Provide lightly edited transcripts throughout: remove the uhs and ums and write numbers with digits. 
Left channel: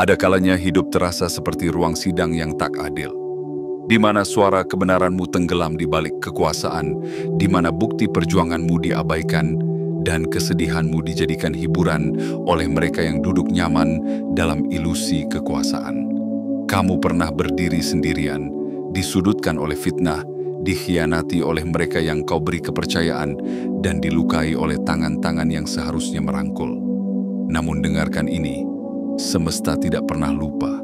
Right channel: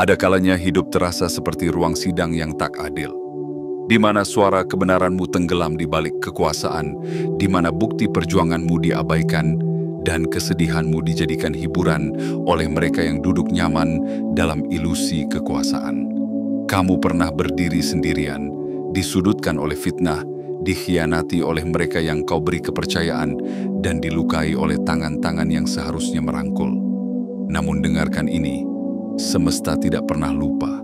Ada kalanya hidup terasa seperti ruang sidang yang tak adil, di mana suara kebenaranmu tenggelam di balik kekuasaan, di mana bukti perjuanganmu diabaikan, dan kesedihanmu dijadikan hiburan oleh mereka yang duduk nyaman dalam ilusi kekuasaan. Kamu pernah berdiri sendirian, disudutkan oleh fitnah, dikhianati oleh mereka yang kau beri kepercayaan, dan dilukai oleh tangan-tangan yang seharusnya merangkul. Namun dengarkan ini, semesta tidak pernah lupa.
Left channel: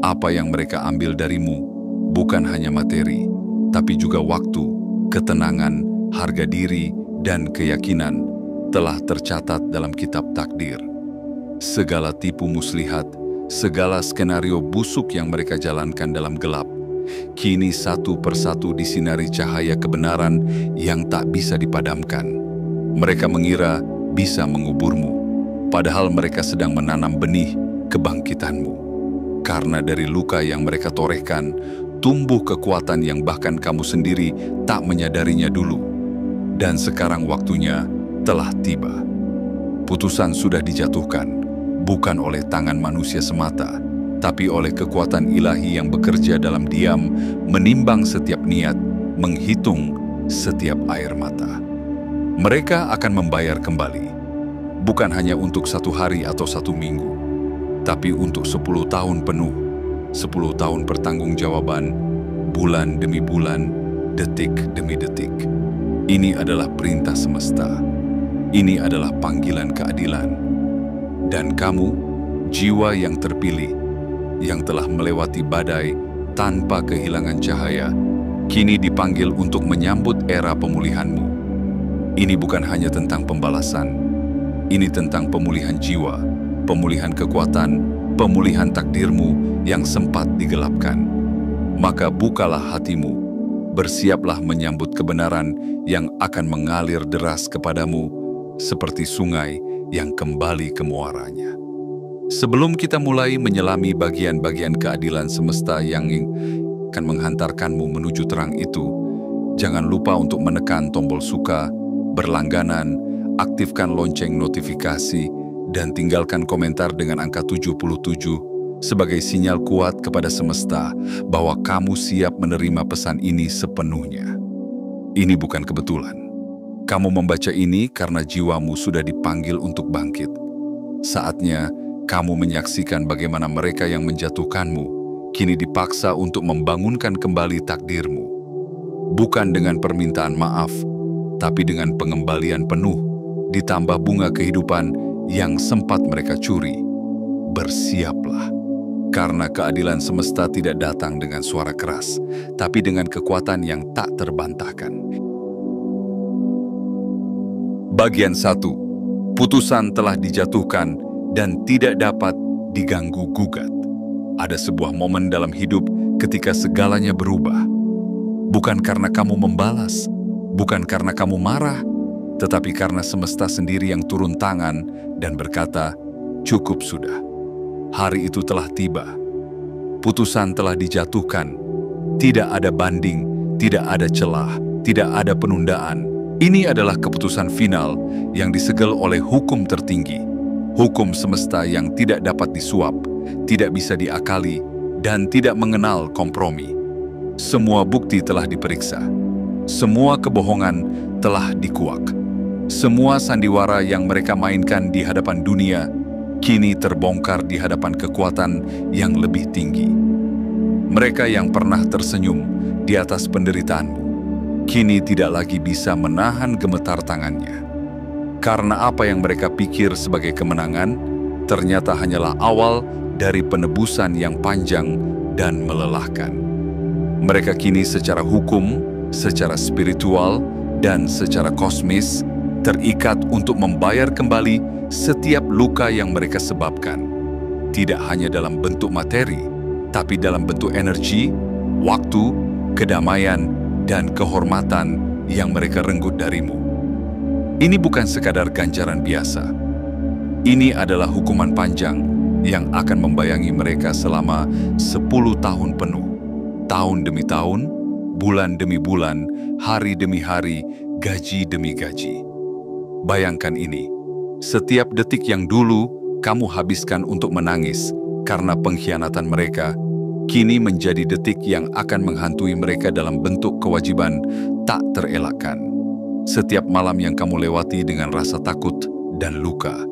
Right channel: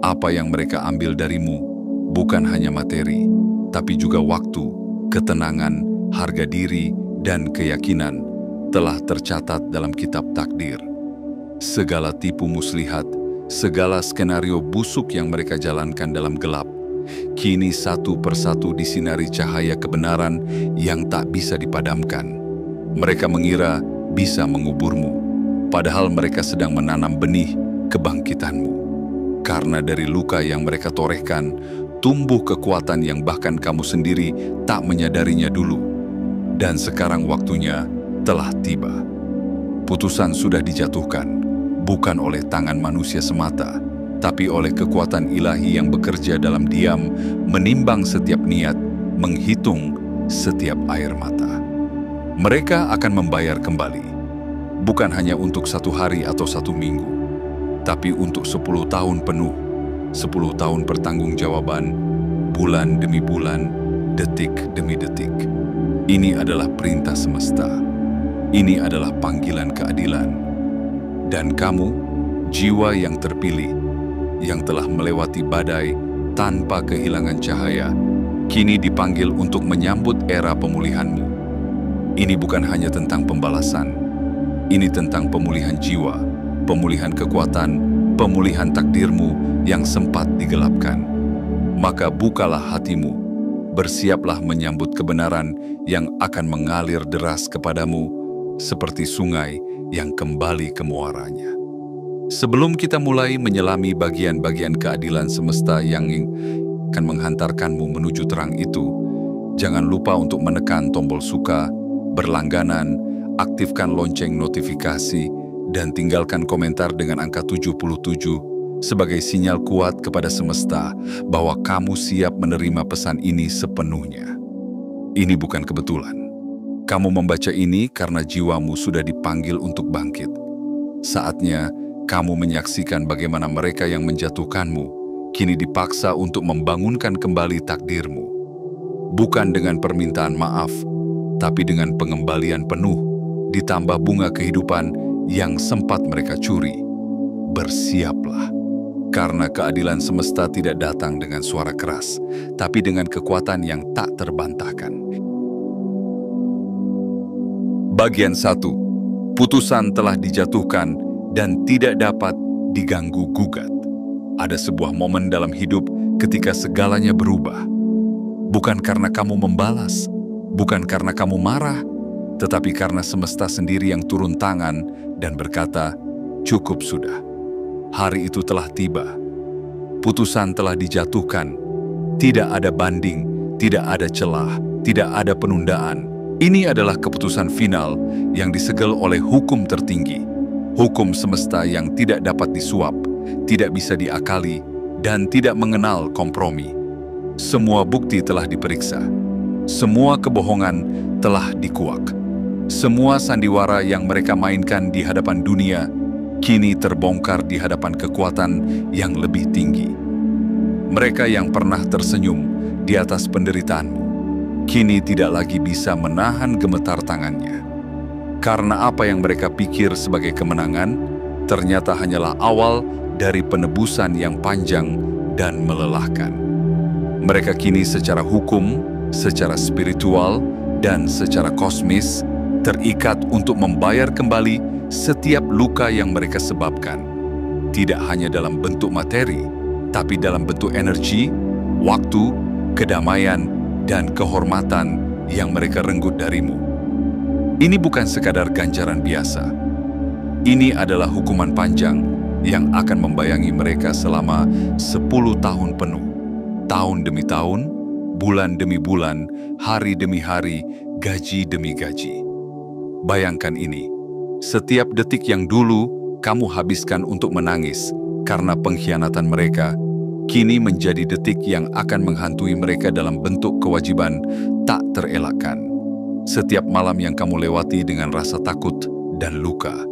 Apa yang mereka ambil darimu bukan hanya materi, tapi juga waktu, ketenangan, harga diri, dan keyakinan telah tercatat dalam kitab takdir. Segala tipu muslihat, segala skenario busuk yang mereka jalankan dalam gelap, kini satu persatu disinari cahaya kebenaran yang tak bisa dipadamkan. Mereka mengira bisa menguburmu, padahal mereka sedang menanam benih kebangkitanmu. Karena dari luka yang mereka torehkan, tumbuh kekuatan yang bahkan kamu sendiri tak menyadarinya dulu. Dan sekarang waktunya telah tiba. Putusan sudah dijatuhkan, bukan oleh tangan manusia semata, tapi oleh kekuatan ilahi yang bekerja dalam diam, menimbang setiap niat, menghitung setiap air mata. Mereka akan membayar kembali. Bukan hanya untuk 1 hari atau 1 minggu, tapi untuk 10 tahun penuh, 10 tahun pertanggungjawaban, bulan demi bulan, detik demi detik. Ini adalah perintah semesta. Ini adalah panggilan keadilan. Dan kamu, jiwa yang terpilih, yang telah melewati badai tanpa kehilangan cahaya, kini dipanggil untuk menyambut era pemulihanmu. Ini bukan hanya tentang pembalasan. Ini tentang pemulihan jiwa, pemulihan kekuatan, pemulihan takdirmu yang sempat digelapkan. Maka bukalah hatimu, bersiaplah menyambut kebenaran yang akan mengalir deras kepadamu seperti sungai yang kembali ke muaranya. Sebelum kita mulai menyelami bagian-bagian keadilan semesta yang akan menghantarkanmu menuju terang itu, jangan lupa untuk menekan tombol suka, berlangganan, aktifkan lonceng notifikasi, dan tinggalkan komentar dengan angka 77 sebagai sinyal kuat kepada semesta bahwa kamu siap menerima pesan ini sepenuhnya. Ini bukan kebetulan. Kamu membaca ini karena jiwamu sudah dipanggil untuk bangkit. Saatnya kamu menyaksikan bagaimana mereka yang menjatuhkanmu kini dipaksa untuk membangunkan kembali takdirmu. Bukan dengan permintaan maaf, tapi dengan pengembalian penuh, ditambah bunga kehidupan yang sempat mereka curi. Bersiaplah, karena keadilan semesta tidak datang dengan suara keras, tapi dengan kekuatan yang tak terbantahkan. Bagian 1. Putusan telah dijatuhkan dan tidak dapat diganggu-gugat. Ada sebuah momen dalam hidup ketika segalanya berubah. Bukan karena kamu membalas, bukan karena kamu marah, tetapi karena semesta sendiri yang turun tangan dan berkata, "Cukup sudah." Hari itu telah tiba. Putusan telah dijatuhkan. Tidak ada banding, tidak ada celah, tidak ada penundaan. Ini adalah keputusan final yang disegel oleh hukum tertinggi. Hukum semesta yang tidak dapat disuap, tidak bisa diakali, dan tidak mengenal kompromi. Semua bukti telah diperiksa. Semua kebohongan telah dikuak. Semua sandiwara yang mereka mainkan di hadapan dunia kini terbongkar di hadapan kekuatan yang lebih tinggi. Mereka yang pernah tersenyum di atas penderitaanmu kini tidak lagi bisa menahan gemetar tangannya. Karena apa yang mereka pikir sebagai kemenangan ternyata hanyalah awal dari penebusan yang panjang dan melelahkan. Mereka kini secara hukum, secara spiritual, dan secara kosmis terikat untuk membayar kembali setiap luka yang mereka sebabkan. Tidak hanya dalam bentuk materi, tapi dalam bentuk energi, waktu, kedamaian, dan kehormatan yang mereka renggut darimu. Ini bukan sekadar ganjaran biasa. Ini adalah hukuman panjang yang akan membayangi mereka selama 10 tahun penuh. Tahun demi tahun, bulan demi bulan, hari demi hari, gaji demi gaji. Bayangkan ini, setiap detik yang dulu kamu habiskan untuk menangis, Karena pengkhianatan mereka, kini menjadi detik yang akan menghantui mereka dalam bentuk kewajiban tak terelakkan. Setiap malam yang kamu lewati dengan rasa takut dan luka,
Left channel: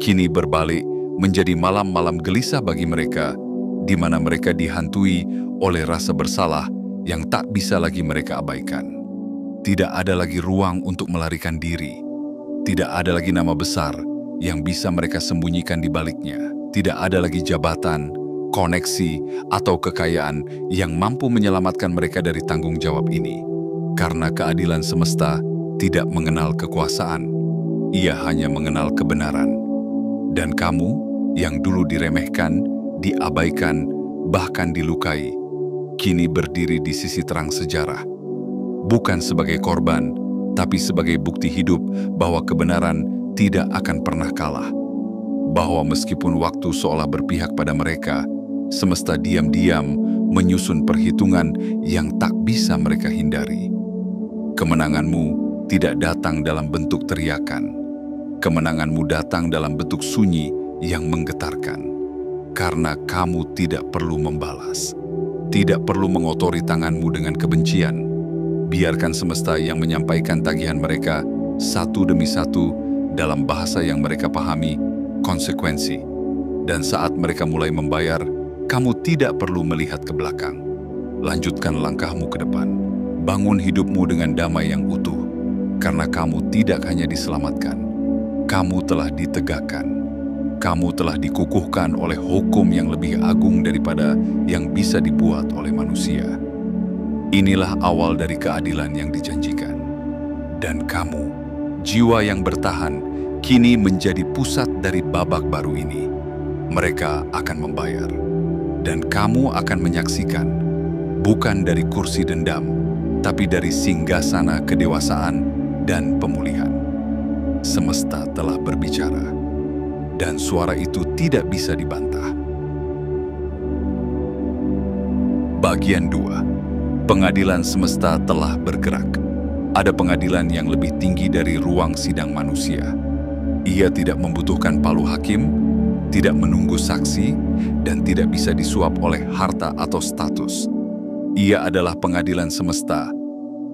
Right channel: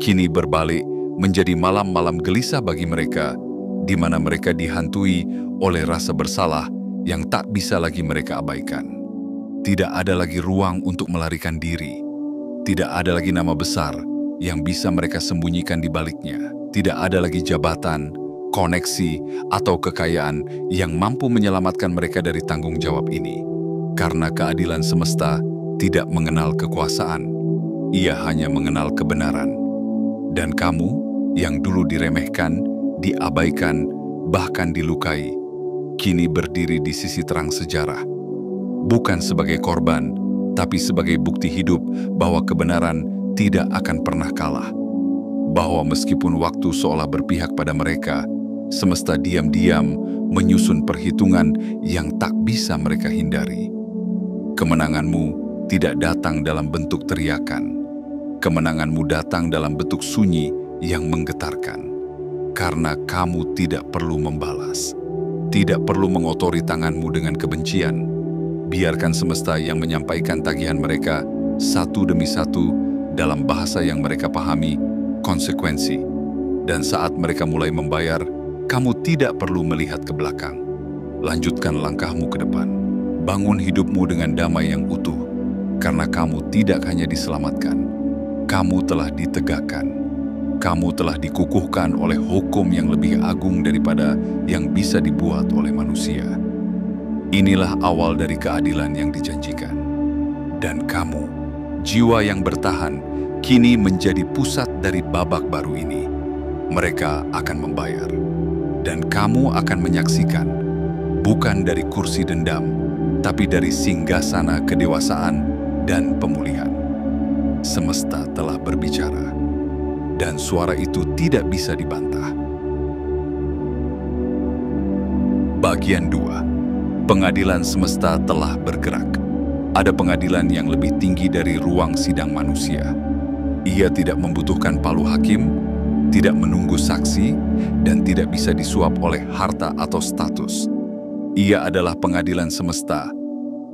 kini berbalik menjadi malam-malam gelisah bagi mereka, di mana mereka dihantui oleh rasa bersalah yang tak bisa lagi mereka abaikan. Tidak ada lagi ruang untuk melarikan diri. Tidak ada lagi nama besar yang bisa mereka sembunyikan di baliknya. Tidak ada lagi jabatan, koneksi, atau kekayaan yang mampu menyelamatkan mereka dari tanggung jawab ini. Karena keadilan semesta tidak mengenal kekuasaan, ia hanya mengenal kebenaran. Dan kamu yang dulu diremehkan, diabaikan, bahkan dilukai, kini berdiri di sisi terang sejarah. Bukan sebagai korban, tapi sebagai bukti hidup bahwa kebenaran tidak akan pernah kalah. Bahwa meskipun waktu seolah berpihak pada mereka, semesta diam-diam menyusun perhitungan yang tak bisa mereka hindari. Kemenanganmu tidak datang dalam bentuk teriakan. Kemenanganmu datang dalam bentuk sunyi yang menggetarkan. Karena kamu tidak perlu membalas. Tidak perlu mengotori tanganmu dengan kebencian. Biarkan semesta yang menyampaikan tagihan mereka satu demi satu dalam bahasa yang mereka pahami, konsekuensi. Dan saat mereka mulai membayar, kamu tidak perlu melihat ke belakang. Lanjutkan langkahmu ke depan. Bangun hidupmu dengan damai yang utuh. Karena kamu tidak hanya diselamatkan, kamu telah ditegakkan. Kamu telah dikukuhkan oleh hukum yang lebih agung daripada yang bisa dibuat oleh manusia. Inilah awal dari keadilan yang dijanjikan. Dan kamu, jiwa yang bertahan, kini menjadi pusat dari babak baru ini. Mereka akan membayar. Dan kamu akan menyaksikan, bukan dari kursi dendam, tapi dari singgasana kedewasaan dan pemulihan. Semesta telah berbicara. Dan suara itu tidak bisa dibantah. Bagian 2. Pengadilan semesta telah bergerak. Ada pengadilan yang lebih tinggi dari ruang sidang manusia. Ia tidak membutuhkan palu hakim, tidak menunggu saksi, dan tidak bisa disuap oleh harta atau status. Ia adalah pengadilan semesta,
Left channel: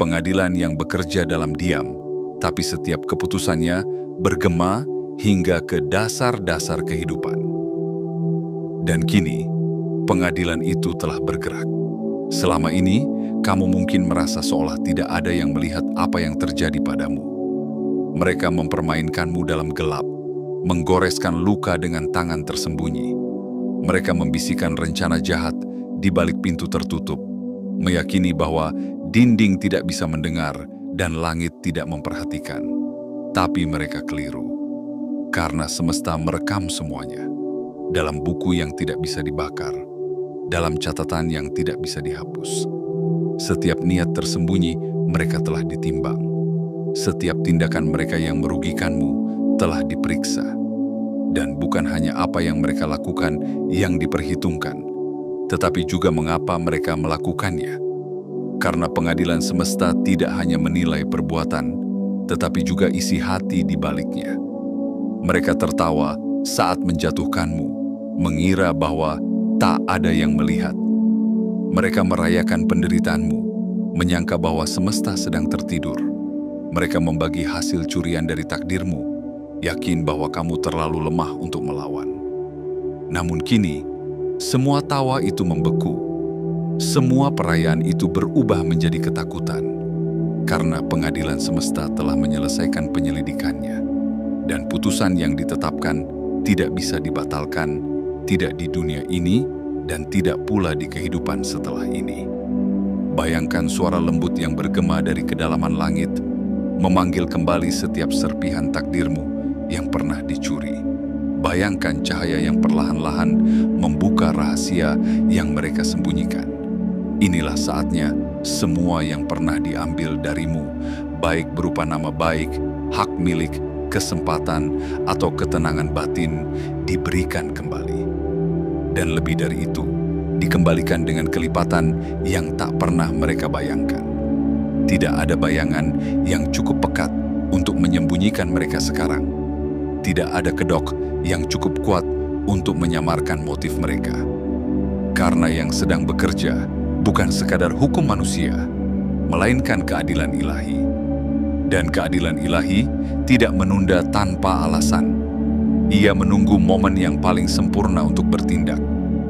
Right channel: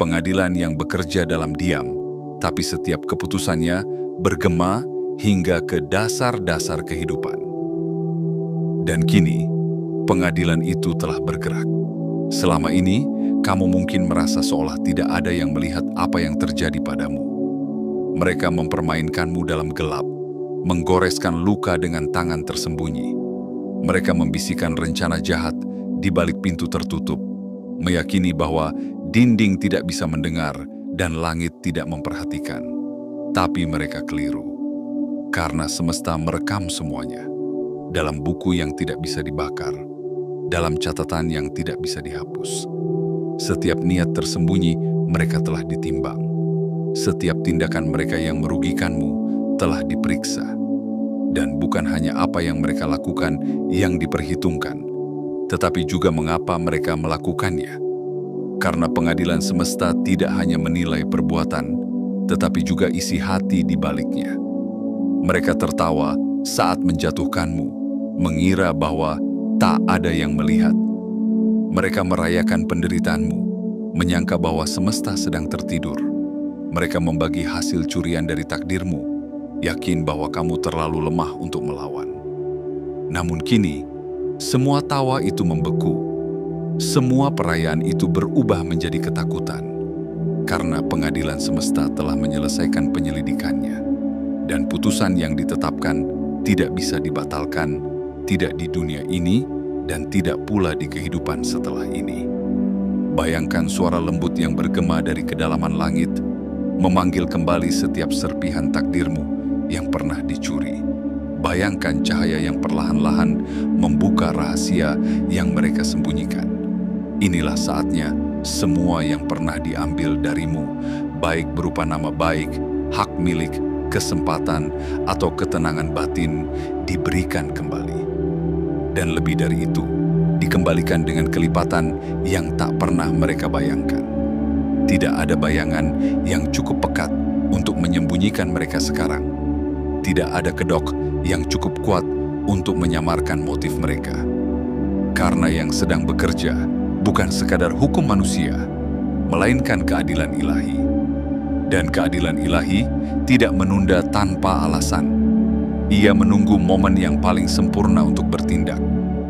pengadilan yang bekerja dalam diam, tapi setiap keputusannya bergema hingga ke dasar-dasar kehidupan. Dan kini, pengadilan itu telah bergerak. Selama ini, kamu mungkin merasa seolah tidak ada yang melihat apa yang terjadi padamu. Mereka mempermainkanmu dalam gelap, menggoreskan luka dengan tangan tersembunyi. Mereka membisikkan rencana jahat di balik pintu tertutup, meyakini bahwa dinding tidak bisa mendengar dan langit tidak memperhatikan. Tapi mereka keliru. Karena semesta merekam semuanya dalam buku yang tidak bisa dibakar, dalam catatan yang tidak bisa dihapus. Setiap niat tersembunyi mereka telah ditimbang. Setiap tindakan mereka yang merugikanmu telah diperiksa. Dan bukan hanya apa yang mereka lakukan yang diperhitungkan, tetapi juga mengapa mereka melakukannya. Karena pengadilan semesta tidak hanya menilai perbuatan, tetapi juga isi hati di baliknya. Mereka tertawa saat menjatuhkanmu, mengira bahwa tak ada yang melihat. Mereka merayakan penderitaanmu, menyangka bahwa semesta sedang tertidur. Mereka membagi hasil curian dari takdirmu, yakin bahwa kamu terlalu lemah untuk melawan. Namun kini, semua tawa itu membeku. Semua perayaan itu berubah menjadi ketakutan. Karena pengadilan semesta telah menyelesaikan penyelidikannya. Dan putusan yang ditetapkan tidak bisa dibatalkan, tidak di dunia ini, dan tidak pula di kehidupan setelah ini. Bayangkan suara lembut yang bergema dari kedalaman langit, memanggil kembali setiap serpihan takdirmu yang pernah dicuri. Bayangkan cahaya yang perlahan-lahan membuka rahasia yang mereka sembunyikan. Inilah saatnya semua yang pernah diambil darimu, baik berupa nama baik, hak milik, kesempatan, atau ketenangan batin, diberikan kembali. Dan lebih dari itu, dikembalikan dengan kelipatan yang tak pernah mereka bayangkan. Tidak ada bayangan yang cukup pekat untuk menyembunyikan mereka sekarang. Tidak ada kedok yang cukup kuat untuk menyamarkan motif mereka. Karena yang sedang bekerja bukan sekadar hukum manusia, melainkan keadilan ilahi. Dan keadilan ilahi tidak menunda tanpa alasan. Ia menunggu momen yang paling sempurna untuk bertindak,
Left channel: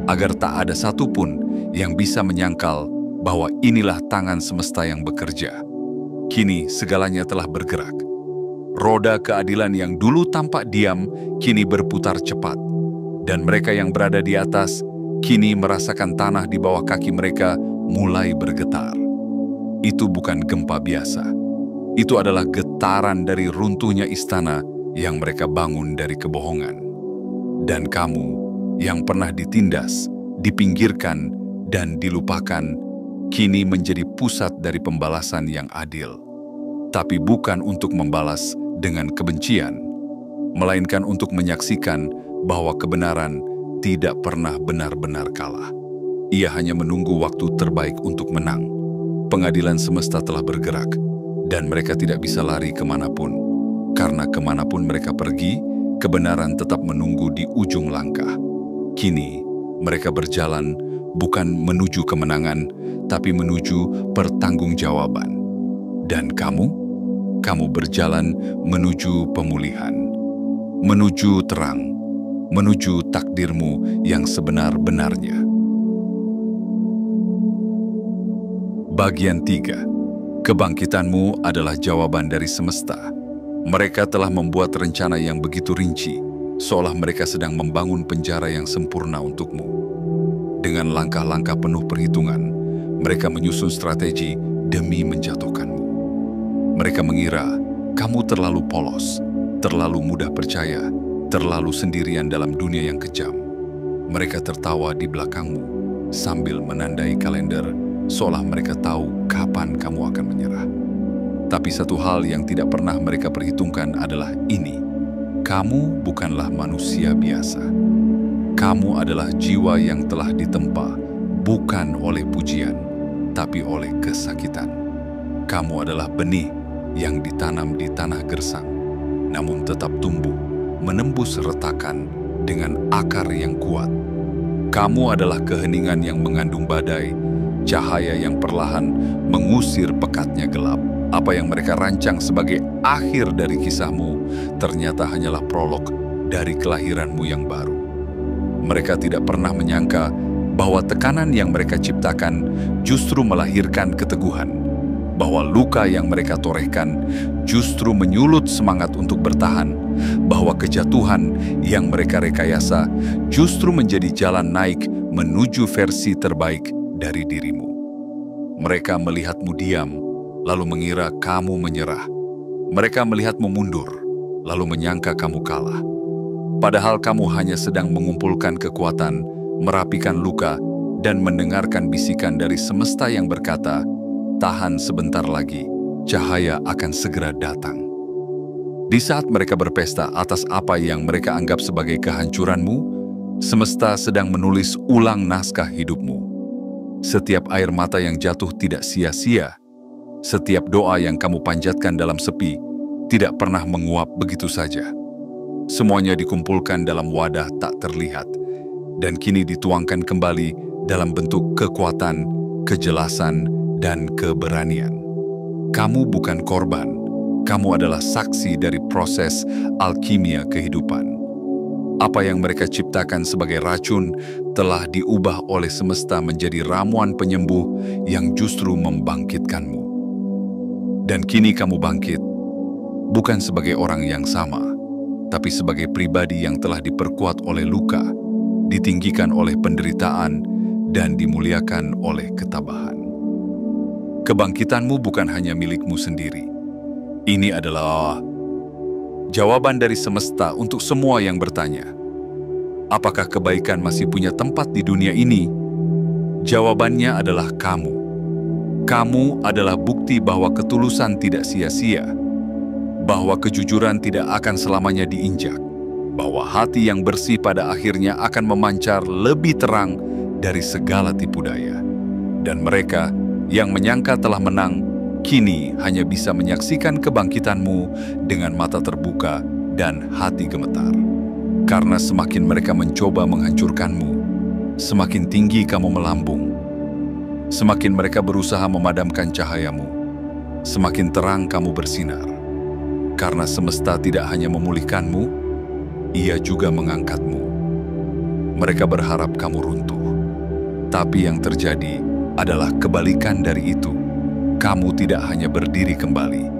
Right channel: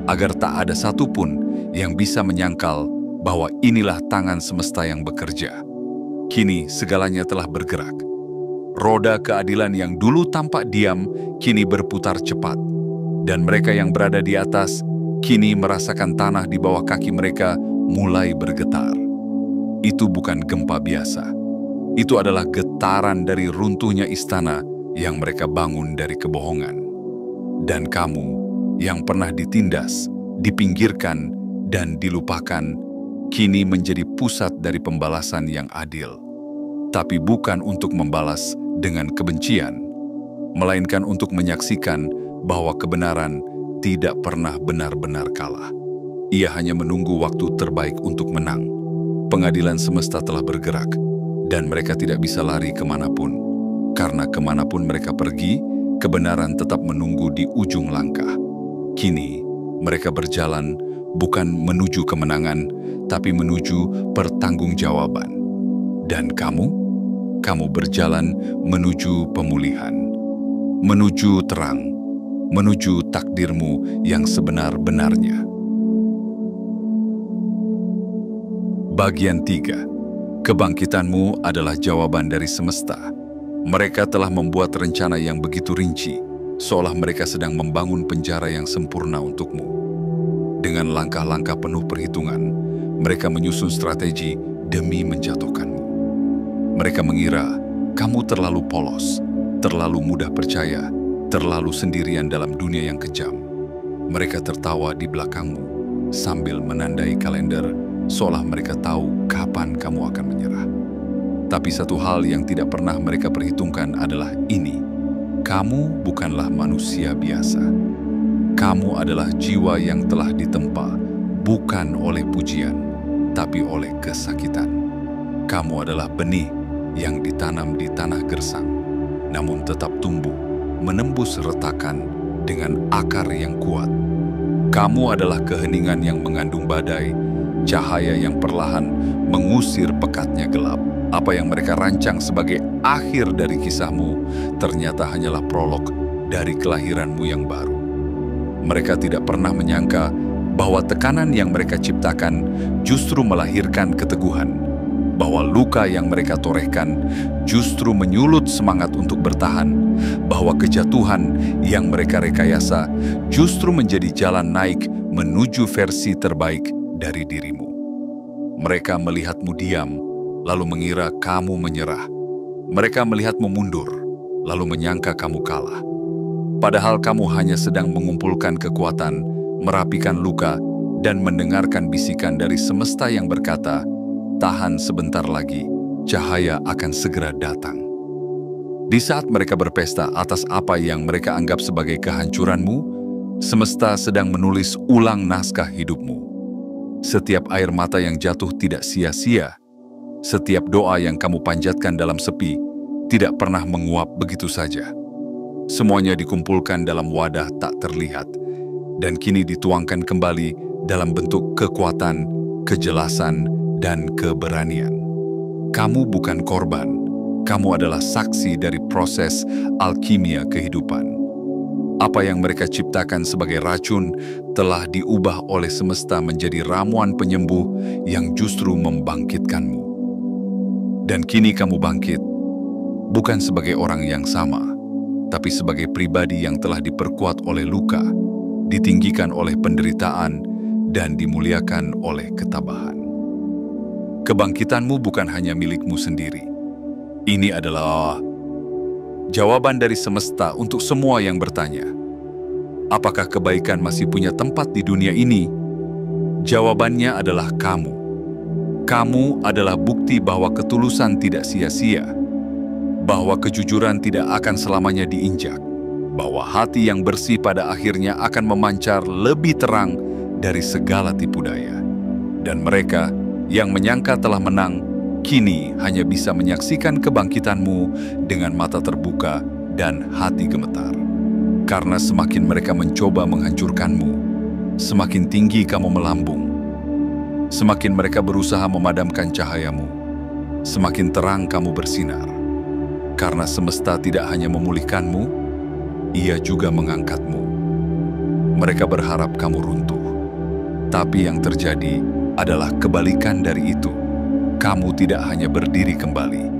agar tak ada satupun yang bisa menyangkal bahwa inilah tangan semesta yang bekerja. Kini segalanya telah bergerak. Roda keadilan yang dulu tampak diam, kini berputar cepat. Dan mereka yang berada di atas, kini merasakan tanah di bawah kaki mereka mulai bergetar. Itu bukan gempa biasa. Itu adalah getaran dari runtuhnya istana yang mereka bangun dari kebohongan. Dan kamu yang pernah ditindas, dipinggirkan, dan dilupakan, kini menjadi pusat dari pembalasan yang adil. Tapi bukan untuk membalas dengan kebencian, melainkan untuk menyaksikan bahwa kebenaran tidak pernah benar-benar kalah. Ia hanya menunggu waktu terbaik untuk menang. Pengadilan semesta telah bergerak, dan mereka tidak bisa lari kemanapun. Karena kemanapun mereka pergi, kebenaran tetap menunggu di ujung langkah. Kini, mereka berjalan bukan menuju kemenangan, tapi menuju pertanggungjawaban. Dan kamu berjalan menuju pemulihan, menuju terang, menuju takdirmu yang sebenar-benarnya. Bagian 3. Kebangkitanmu adalah jawaban dari semesta. Mereka telah membuat rencana yang begitu rinci, seolah mereka sedang membangun penjara yang sempurna untukmu. Dengan langkah-langkah penuh perhitungan, mereka menyusun strategi demi menjatuhkanmu. Mereka mengira kamu terlalu polos, terlalu mudah percaya, terlalu sendirian dalam dunia yang kejam. Mereka tertawa di belakangmu sambil menandai kalender, seolah mereka tahu kapan kamu akan menyerah. Tapi satu hal yang tidak pernah mereka perhitungkan adalah ini: kamu bukanlah manusia biasa. Kamu adalah jiwa yang telah ditempa, bukan oleh pujian, tapi oleh kesakitan. Kamu adalah benih yang ditanam di tanah gersang, namun tetap tumbuh, menembus retakan dengan akar yang kuat. Kamu adalah keheningan yang mengandung badai, cahaya yang perlahan mengusir pekatnya gelap. Apa yang mereka rancang sebagai akhir dari kisahmu, ternyata hanyalah prolog dari kelahiranmu yang baru. Mereka tidak pernah menyangka bahwa tekanan yang mereka ciptakan justru melahirkan keteguhan, bahwa luka yang mereka torehkan justru menyulut semangat untuk bertahan, bahwa kejatuhan yang mereka rekayasa justru menjadi jalan naik menuju versi terbaik dari dirimu. Mereka melihatmu diam, lalu mengira kamu menyerah. Mereka melihatmu mundur, lalu menyangka kamu kalah. Padahal kamu hanya sedang mengumpulkan kekuatan, merapikan luka, dan mendengarkan bisikan dari semesta yang berkata, tahan sebentar lagi, cahaya akan segera datang. Di saat mereka berpesta atas apa yang mereka anggap sebagai kehancuranmu, semesta sedang menulis ulang naskah hidupmu. Setiap air mata yang jatuh tidak sia-sia. Setiap doa yang kamu panjatkan dalam sepi tidak pernah menguap begitu saja. Semuanya dikumpulkan dalam wadah tak terlihat, dan kini dituangkan kembali dalam bentuk kekuatan, kejelasan, dan keberanian. Kamu bukan korban, kamu adalah saksi dari proses alkimia kehidupan. Apa yang mereka ciptakan sebagai racun telah diubah oleh semesta menjadi ramuan penyembuh yang justru membangkitkanmu. Dan kini kamu bangkit, bukan sebagai orang yang sama, tapi sebagai pribadi yang telah diperkuat oleh luka, ditinggikan oleh penderitaan, dan dimuliakan oleh ketabahan. Kebangkitanmu bukan hanya milikmu sendiri. Ini adalah jawaban dari semesta untuk semua yang bertanya, apakah kebaikan masih punya tempat di dunia ini? Jawabannya adalah kamu. Kamu adalah bukti bahwa ketulusan tidak sia-sia, bahwa kejujuran tidak akan selamanya diinjak, bahwa hati yang bersih pada akhirnya akan memancar lebih terang dari segala tipu daya. Dan mereka yang menyangka telah menang, kini hanya bisa menyaksikan kebangkitanmu dengan mata terbuka dan hati gemetar. Karena semakin mereka mencoba menghancurkanmu, semakin tinggi kamu melambung. Semakin mereka berusaha memadamkan cahayamu, semakin terang kamu bersinar. Karena semesta tidak hanya memulihkanmu, ia juga mengangkatmu. Mereka berharap kamu runtuh. Tapi yang terjadi adalah kebalikan dari itu. Kamu tidak hanya berdiri kembali.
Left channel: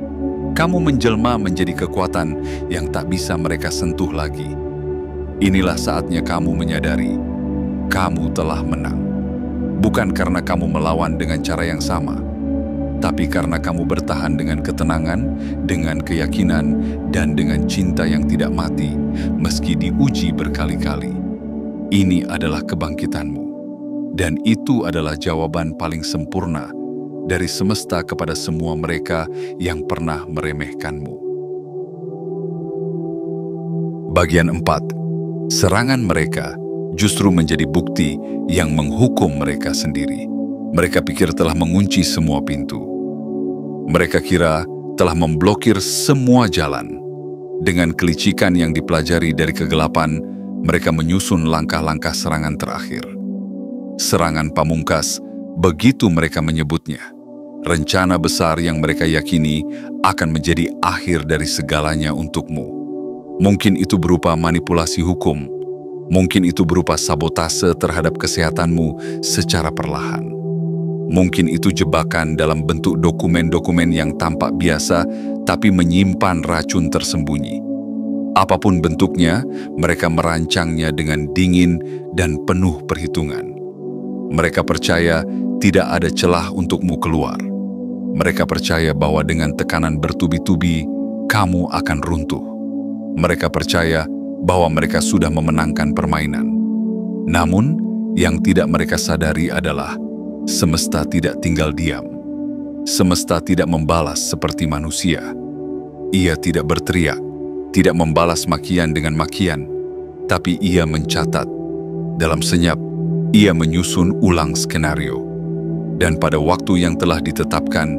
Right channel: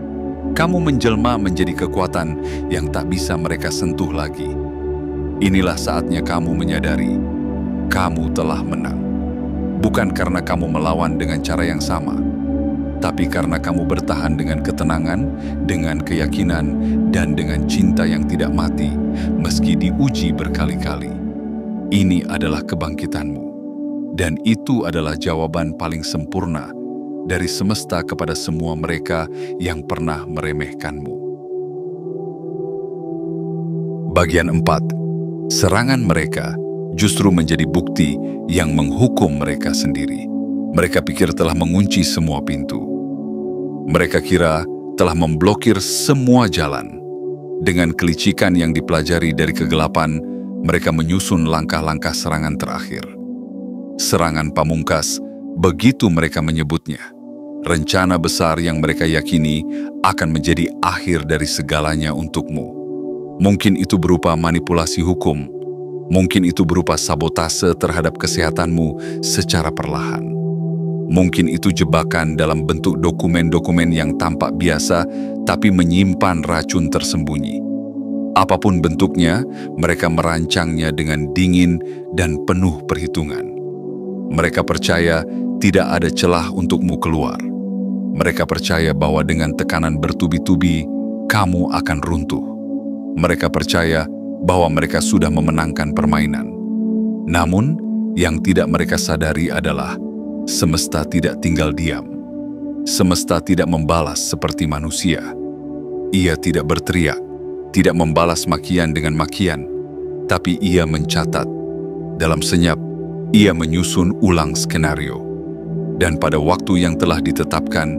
Kamu menjelma menjadi kekuatan yang tak bisa mereka sentuh lagi. Inilah saatnya kamu menyadari, kamu telah menang. Bukan karena kamu melawan dengan cara yang sama, tapi karena kamu bertahan dengan ketenangan, dengan keyakinan, dan dengan cinta yang tidak mati, meski diuji berkali-kali. Ini adalah kebangkitanmu. Dan itu adalah jawaban paling sempurna dari semesta kepada semua mereka yang pernah meremehkanmu. Bagian 4. Serangan mereka justru menjadi bukti yang menghukum mereka sendiri. Mereka pikir telah mengunci semua pintu. Mereka kira telah memblokir semua jalan. Dengan kelicikan yang dipelajari dari kegelapan, mereka menyusun langkah-langkah serangan terakhir. Serangan pamungkas, begitu mereka menyebutnya. Rencana besar yang mereka yakini akan menjadi akhir dari segalanya untukmu. Mungkin itu berupa manipulasi hukum, mungkin itu berupa sabotase terhadap kesehatanmu secara perlahan. Mungkin itu jebakan dalam bentuk dokumen-dokumen yang tampak biasa tapi menyimpan racun tersembunyi. Apapun bentuknya, mereka merancangnya dengan dingin dan penuh perhitungan. Mereka percaya tidak ada celah untukmu keluar. Mereka percaya bahwa dengan tekanan bertubi-tubi, kamu akan runtuh. Mereka percaya bahwa mereka sudah memenangkan permainan. Namun, yang tidak mereka sadari adalah semesta tidak tinggal diam. Semesta tidak membalas seperti manusia. Ia tidak berteriak, tidak membalas makian dengan makian, tapi ia mencatat. Dalam senyap, ia menyusun ulang skenario. Dan pada waktu yang telah ditetapkan,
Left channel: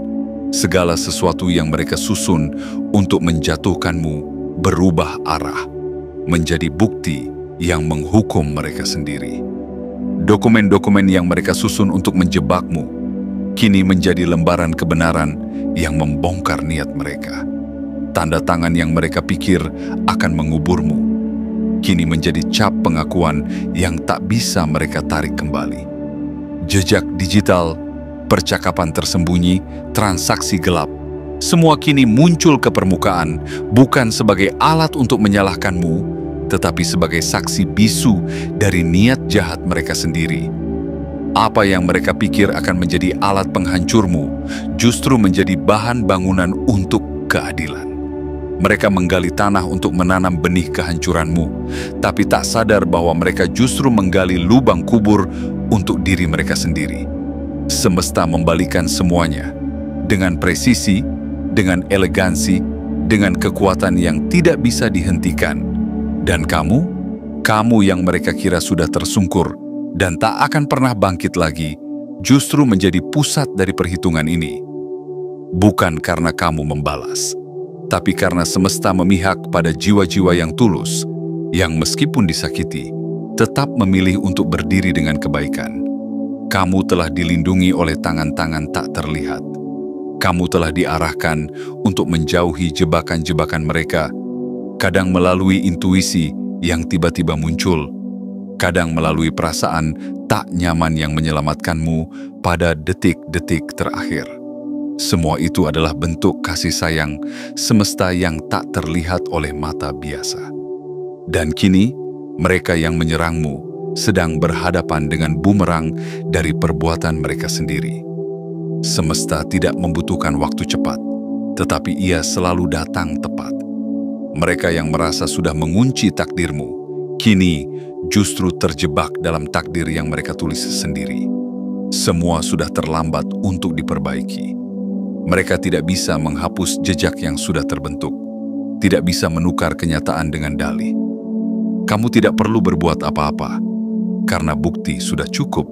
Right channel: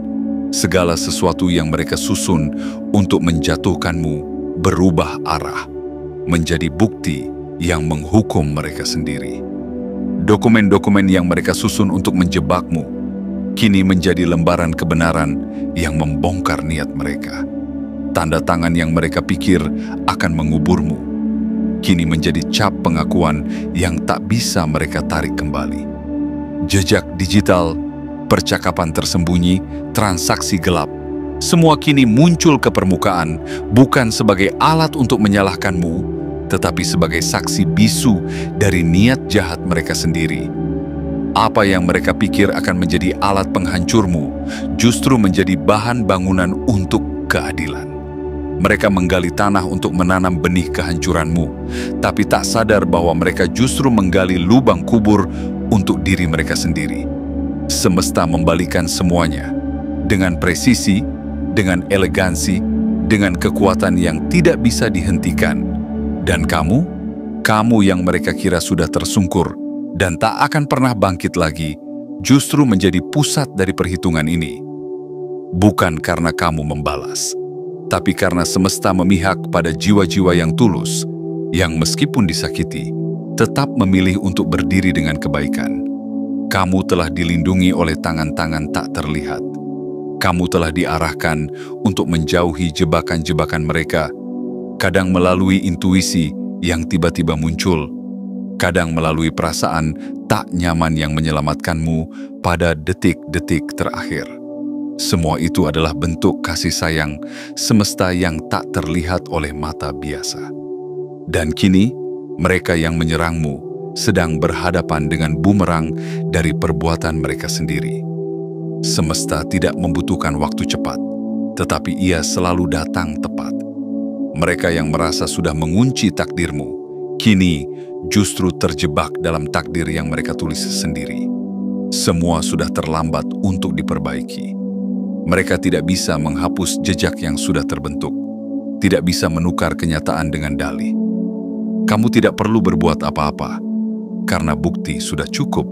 segala sesuatu yang mereka susun untuk menjatuhkanmu berubah arah, menjadi bukti yang menghukum mereka sendiri. Dokumen-dokumen yang mereka susun untuk menjebakmu, kini menjadi lembaran kebenaran yang membongkar niat mereka. Tanda tangan yang mereka pikir akan menguburmu, kini menjadi cap pengakuan yang tak bisa mereka tarik kembali. Jejak digital, percakapan tersembunyi, transaksi gelap, semua kini muncul ke permukaan bukan sebagai alat untuk menyalahkanmu, tetapi sebagai saksi bisu dari niat jahat mereka sendiri. Apa yang mereka pikir akan menjadi alat penghancurmu justru menjadi bahan bangunan untuk keadilan. Mereka menggali tanah untuk menanam benih kehancuranmu, tapi tak sadar bahwa mereka justru menggali lubang kubur untuk diri mereka sendiri. Semesta membalikan semuanya dengan presisi, dengan elegansi, dengan kekuatan yang tidak bisa dihentikan. Dan kamu yang mereka kira sudah tersungkur dan tak akan pernah bangkit lagi, justru menjadi pusat dari perhitungan ini. Bukan karena kamu membalas, tapi karena semesta memihak pada jiwa-jiwa yang tulus, yang meskipun disakiti, tetap memilih untuk berdiri dengan kebaikan. Kamu telah dilindungi oleh tangan-tangan tak terlihat. Kamu telah diarahkan untuk menjauhi jebakan-jebakan mereka, kadang melalui intuisi yang tiba-tiba muncul, kadang melalui perasaan tak nyaman yang menyelamatkanmu pada detik-detik terakhir. Semua itu adalah bentuk kasih sayang semesta yang tak terlihat oleh mata biasa. Dan kini, mereka yang menyerangmu sedang berhadapan dengan bumerang dari perbuatan mereka sendiri. Semesta tidak membutuhkan waktu cepat, tetapi ia selalu datang tepat. Mereka yang merasa sudah mengunci takdirmu, kini justru terjebak dalam takdir yang mereka tulis sendiri. Semua sudah terlambat untuk diperbaiki. Mereka tidak bisa menghapus jejak yang sudah terbentuk, tidak bisa menukar kenyataan dengan dalih. Kamu tidak perlu berbuat apa-apa, karena bukti sudah cukup.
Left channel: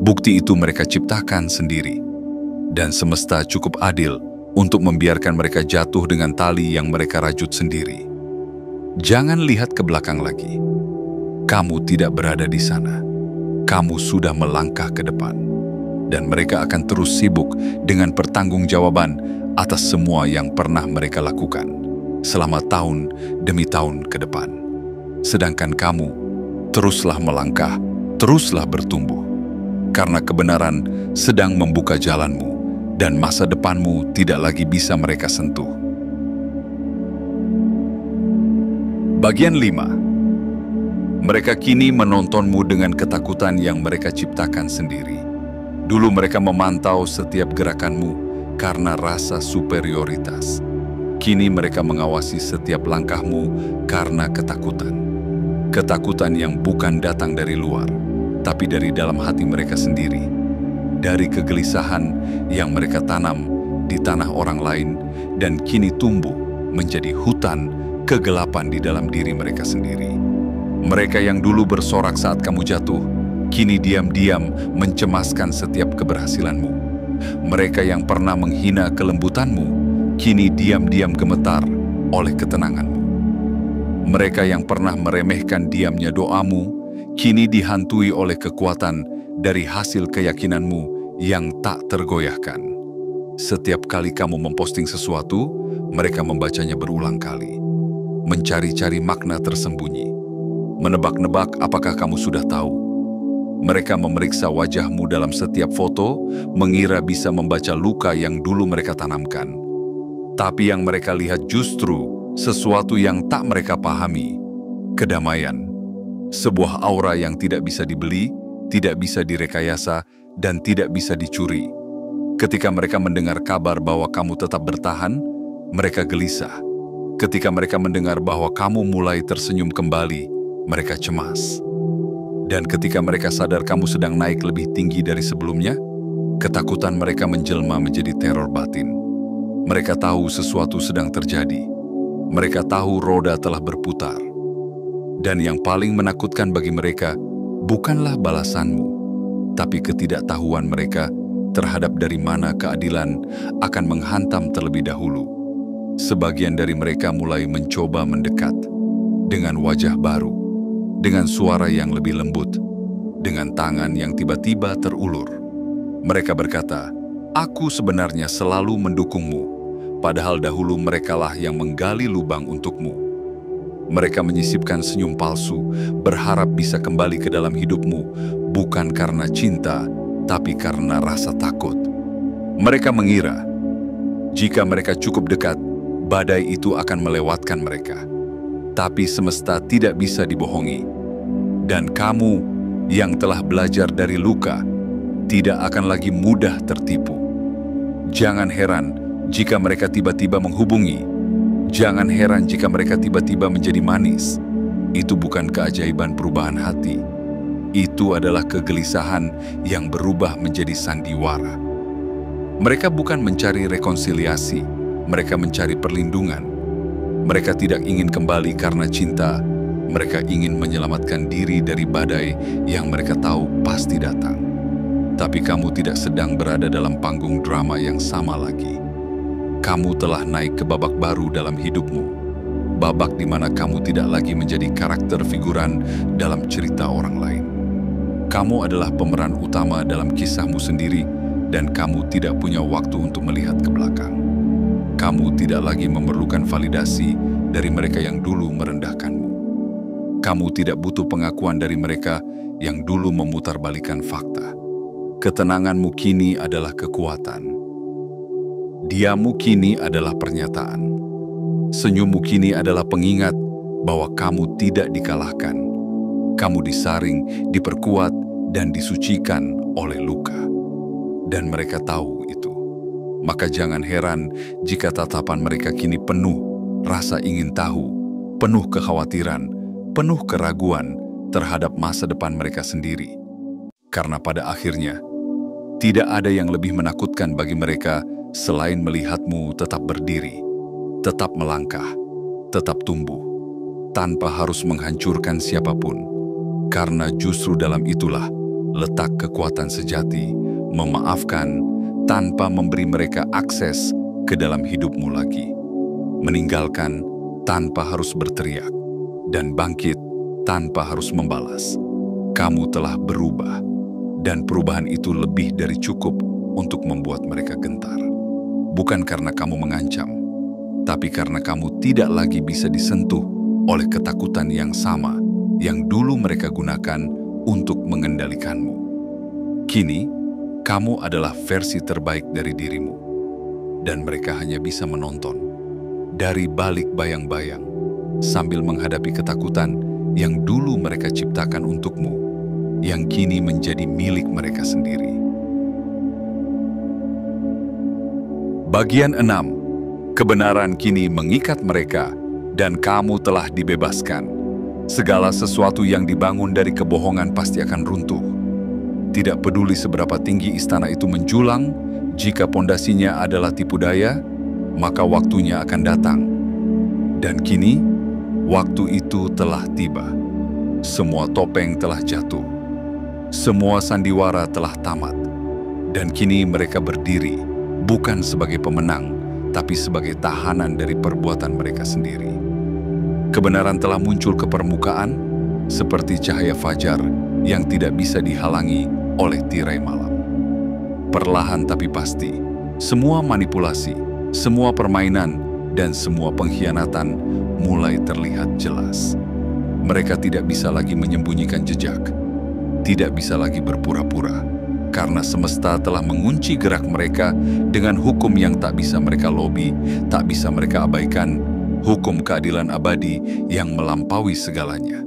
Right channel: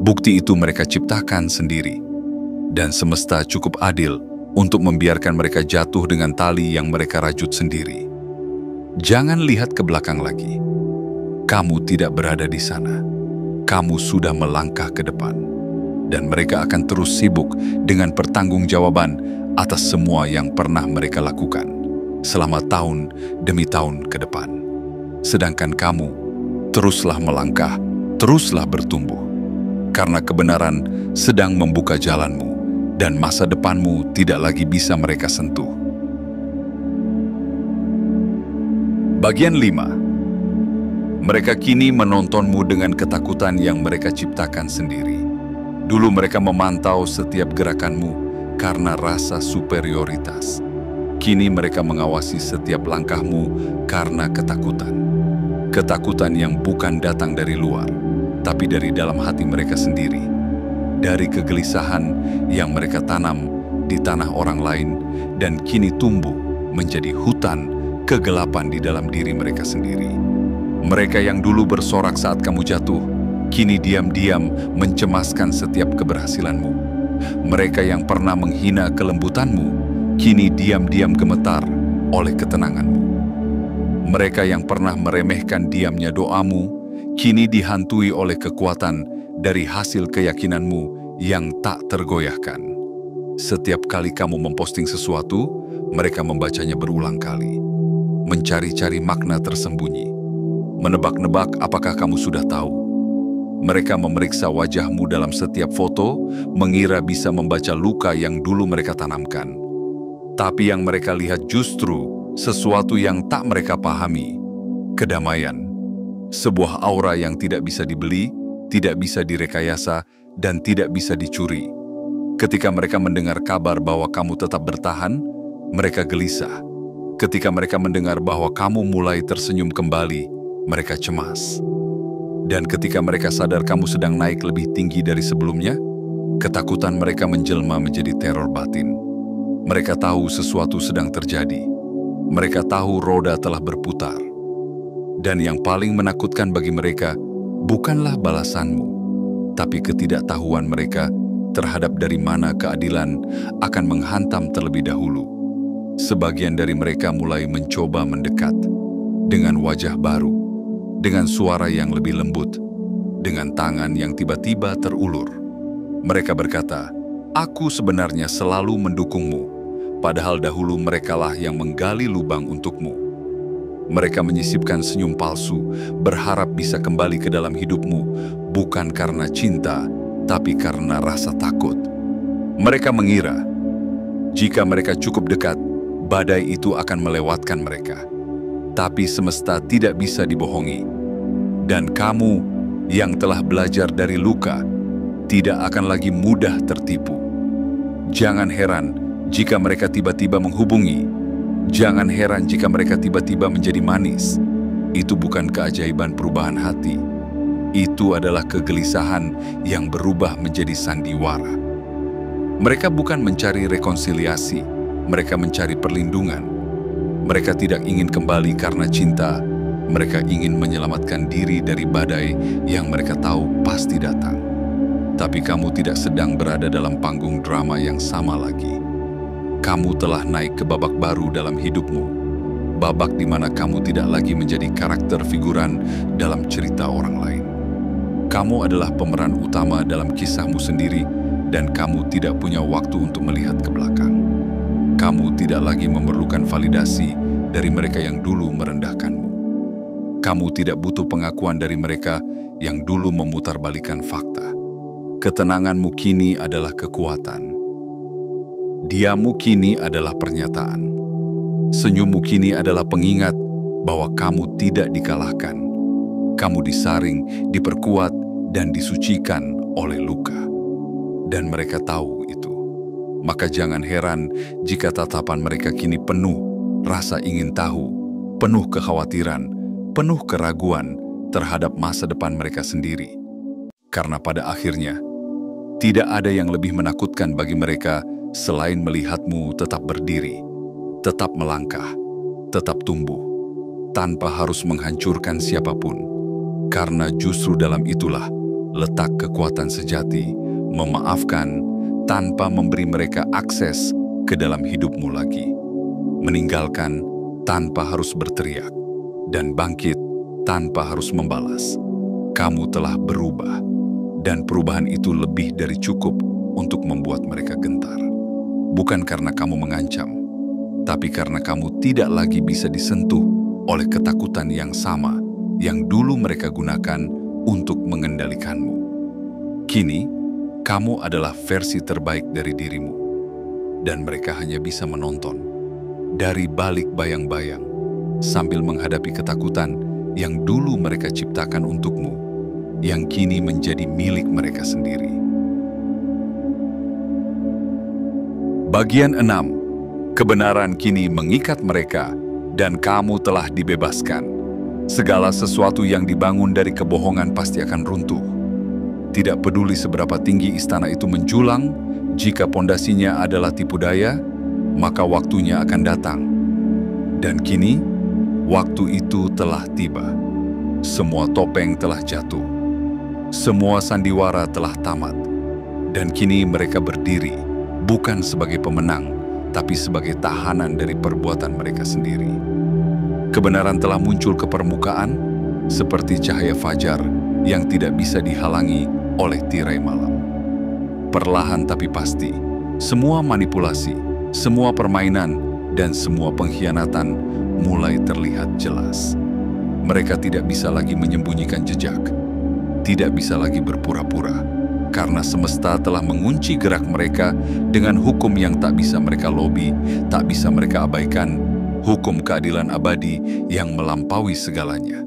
Bukti itu mereka ciptakan sendiri, dan semesta cukup adil untuk membiarkan mereka jatuh dengan tali yang mereka rajut sendiri. Jangan lihat ke belakang lagi. kamu tidak berada di sana. Kamu sudah melangkah ke depan. Dan mereka akan terus sibuk dengan pertanggungjawaban atas semua yang pernah mereka lakukan selama tahun demi tahun ke depan. Sedangkan kamu, teruslah melangkah, teruslah bertumbuh. Karena kebenaran sedang membuka jalanmu, dan masa depanmu tidak lagi bisa mereka sentuh. Bagian 5. Mereka kini menontonmu dengan ketakutan yang mereka ciptakan sendiri. Dulu mereka memantau setiap gerakanmu karena rasa superioritas. Kini mereka mengawasi setiap langkahmu karena ketakutan. Ketakutan yang bukan datang dari luar, tapi dari dalam hati mereka sendiri. Dari kegelisahan yang mereka tanam di tanah orang lain dan kini tumbuh menjadi hutan kegelapan di dalam diri mereka sendiri. Mereka yang dulu bersorak saat kamu jatuh, kini diam-diam mencemaskan setiap keberhasilanmu. Mereka yang pernah menghina kelembutanmu, kini diam-diam gemetar oleh ketenanganmu. Mereka yang pernah meremehkan diamnya doamu, kini dihantui oleh kekuatan dari hasil keyakinanmu yang tak tergoyahkan. Setiap kali kamu memposting sesuatu, mereka membacanya berulang kali, mencari-cari makna tersembunyi, menebak-nebak apakah kamu sudah tahu. Mereka memeriksa wajahmu dalam setiap foto, mengira bisa membaca luka yang dulu mereka tanamkan. Tapi yang mereka lihat justru sesuatu yang tak mereka pahami, kedamaian. Sebuah aura yang tidak bisa dibeli, tidak bisa direkayasa, dan tidak bisa dicuri. Ketika mereka mendengar kabar bahwa kamu tetap bertahan, mereka gelisah. Ketika mereka mendengar bahwa kamu mulai tersenyum kembali, mereka cemas. Dan ketika mereka sadar kamu sedang naik lebih tinggi dari sebelumnya, ketakutan mereka menjelma menjadi teror batin. Mereka tahu sesuatu sedang terjadi. Mereka tahu roda telah berputar. Dan yang paling menakutkan bagi mereka bukanlah balasanmu, tapi ketidaktahuan mereka terhadap dari mana keadilan akan menghantam terlebih dahulu. Sebagian dari mereka mulai mencoba mendekat dengan wajah baru, dengan suara yang lebih lembut, dengan tangan yang tiba-tiba terulur. Mereka berkata, "Aku sebenarnya selalu mendukungmu," padahal dahulu merekalah yang menggali lubang untukmu. Mereka menyisipkan senyum palsu, berharap bisa kembali ke dalam hidupmu, bukan karena cinta, tapi karena rasa takut. Mereka mengira, jika mereka cukup dekat, badai itu akan melewatkan mereka. Tapi semesta tidak bisa dibohongi. Dan kamu yang telah belajar dari luka, tidak akan lagi mudah tertipu. Jangan heran jika mereka tiba-tiba menghubungi. Jangan heran jika mereka tiba-tiba menjadi manis. Itu bukan keajaiban perubahan hati. Itu adalah kegelisahan yang berubah menjadi sandiwara. Mereka bukan mencari rekonsiliasi, mereka mencari perlindungan. Mereka tidak ingin kembali karena cinta, mereka ingin menyelamatkan diri dari badai yang mereka tahu pasti datang. Tapi kamu tidak sedang berada dalam panggung drama yang sama lagi. Kamu telah naik ke babak baru dalam hidupmu. Babak di mana kamu tidak lagi menjadi karakter figuran dalam cerita orang lain. Kamu adalah pemeran utama dalam kisahmu sendiri dan kamu tidak punya waktu untuk melihat ke belakang. Kamu tidak lagi memerlukan validasi dari mereka yang dulu merendahkanmu. Kamu tidak butuh pengakuan dari mereka yang dulu memutarbalikkan fakta. Ketenanganmu kini adalah kekuatan. Diammu kini adalah pernyataan. Senyummu kini adalah pengingat bahwa kamu tidak dikalahkan. Kamu disaring, diperkuat, dan disucikan oleh luka. Dan mereka tahu itu. Maka jangan heran jika tatapan mereka kini penuh rasa ingin tahu, penuh kekhawatiran, penuh keraguan terhadap masa depan mereka sendiri. Karena pada akhirnya, tidak ada yang lebih menakutkan bagi mereka selain melihatmu tetap berdiri, tetap melangkah, tetap tumbuh, tanpa harus menghancurkan siapapun. Karena justru dalam itulah letak kekuatan sejati, memaafkan tanpa memberi mereka akses ke dalam hidupmu lagi. Meninggalkan tanpa harus berteriak, dan bangkit tanpa harus membalas. Kamu telah berubah, dan perubahan itu lebih dari cukup untuk membuat mereka gentar. Bukan karena kamu mengancam, tapi karena kamu tidak lagi bisa disentuh oleh ketakutan yang sama yang dulu mereka gunakan untuk mengendalikanmu. Kini, kamu adalah versi terbaik dari dirimu, dan mereka hanya bisa menonton dari balik bayang-bayang sambil menghadapi ketakutan yang dulu mereka ciptakan untukmu, yang kini menjadi milik mereka sendiri. Bagian 6. Kebenaran kini mengikat mereka, dan kamu telah dibebaskan. Segala sesuatu yang dibangun dari kebohongan pasti akan runtuh. Tidak peduli seberapa tinggi istana itu menjulang, jika pondasinya adalah tipu daya, maka waktunya akan datang. Dan kini, waktu itu telah tiba. Semua topeng telah jatuh. Semua sandiwara telah tamat. Dan kini mereka berdiri, bukan sebagai pemenang, tapi sebagai tahanan dari perbuatan mereka sendiri. Kebenaran telah muncul ke permukaan, seperti cahaya fajar yang tidak bisa dihalangi oleh tirai malam. Perlahan tapi pasti, semua manipulasi, semua permainan, dan semua pengkhianatan mulai terlihat jelas. Mereka tidak bisa lagi menyembunyikan jejak, tidak bisa lagi berpura-pura, karena semesta telah mengunci gerak mereka dengan hukum yang tak bisa mereka lobi, tak bisa mereka abaikan, hukum keadilan abadi yang melampaui segalanya.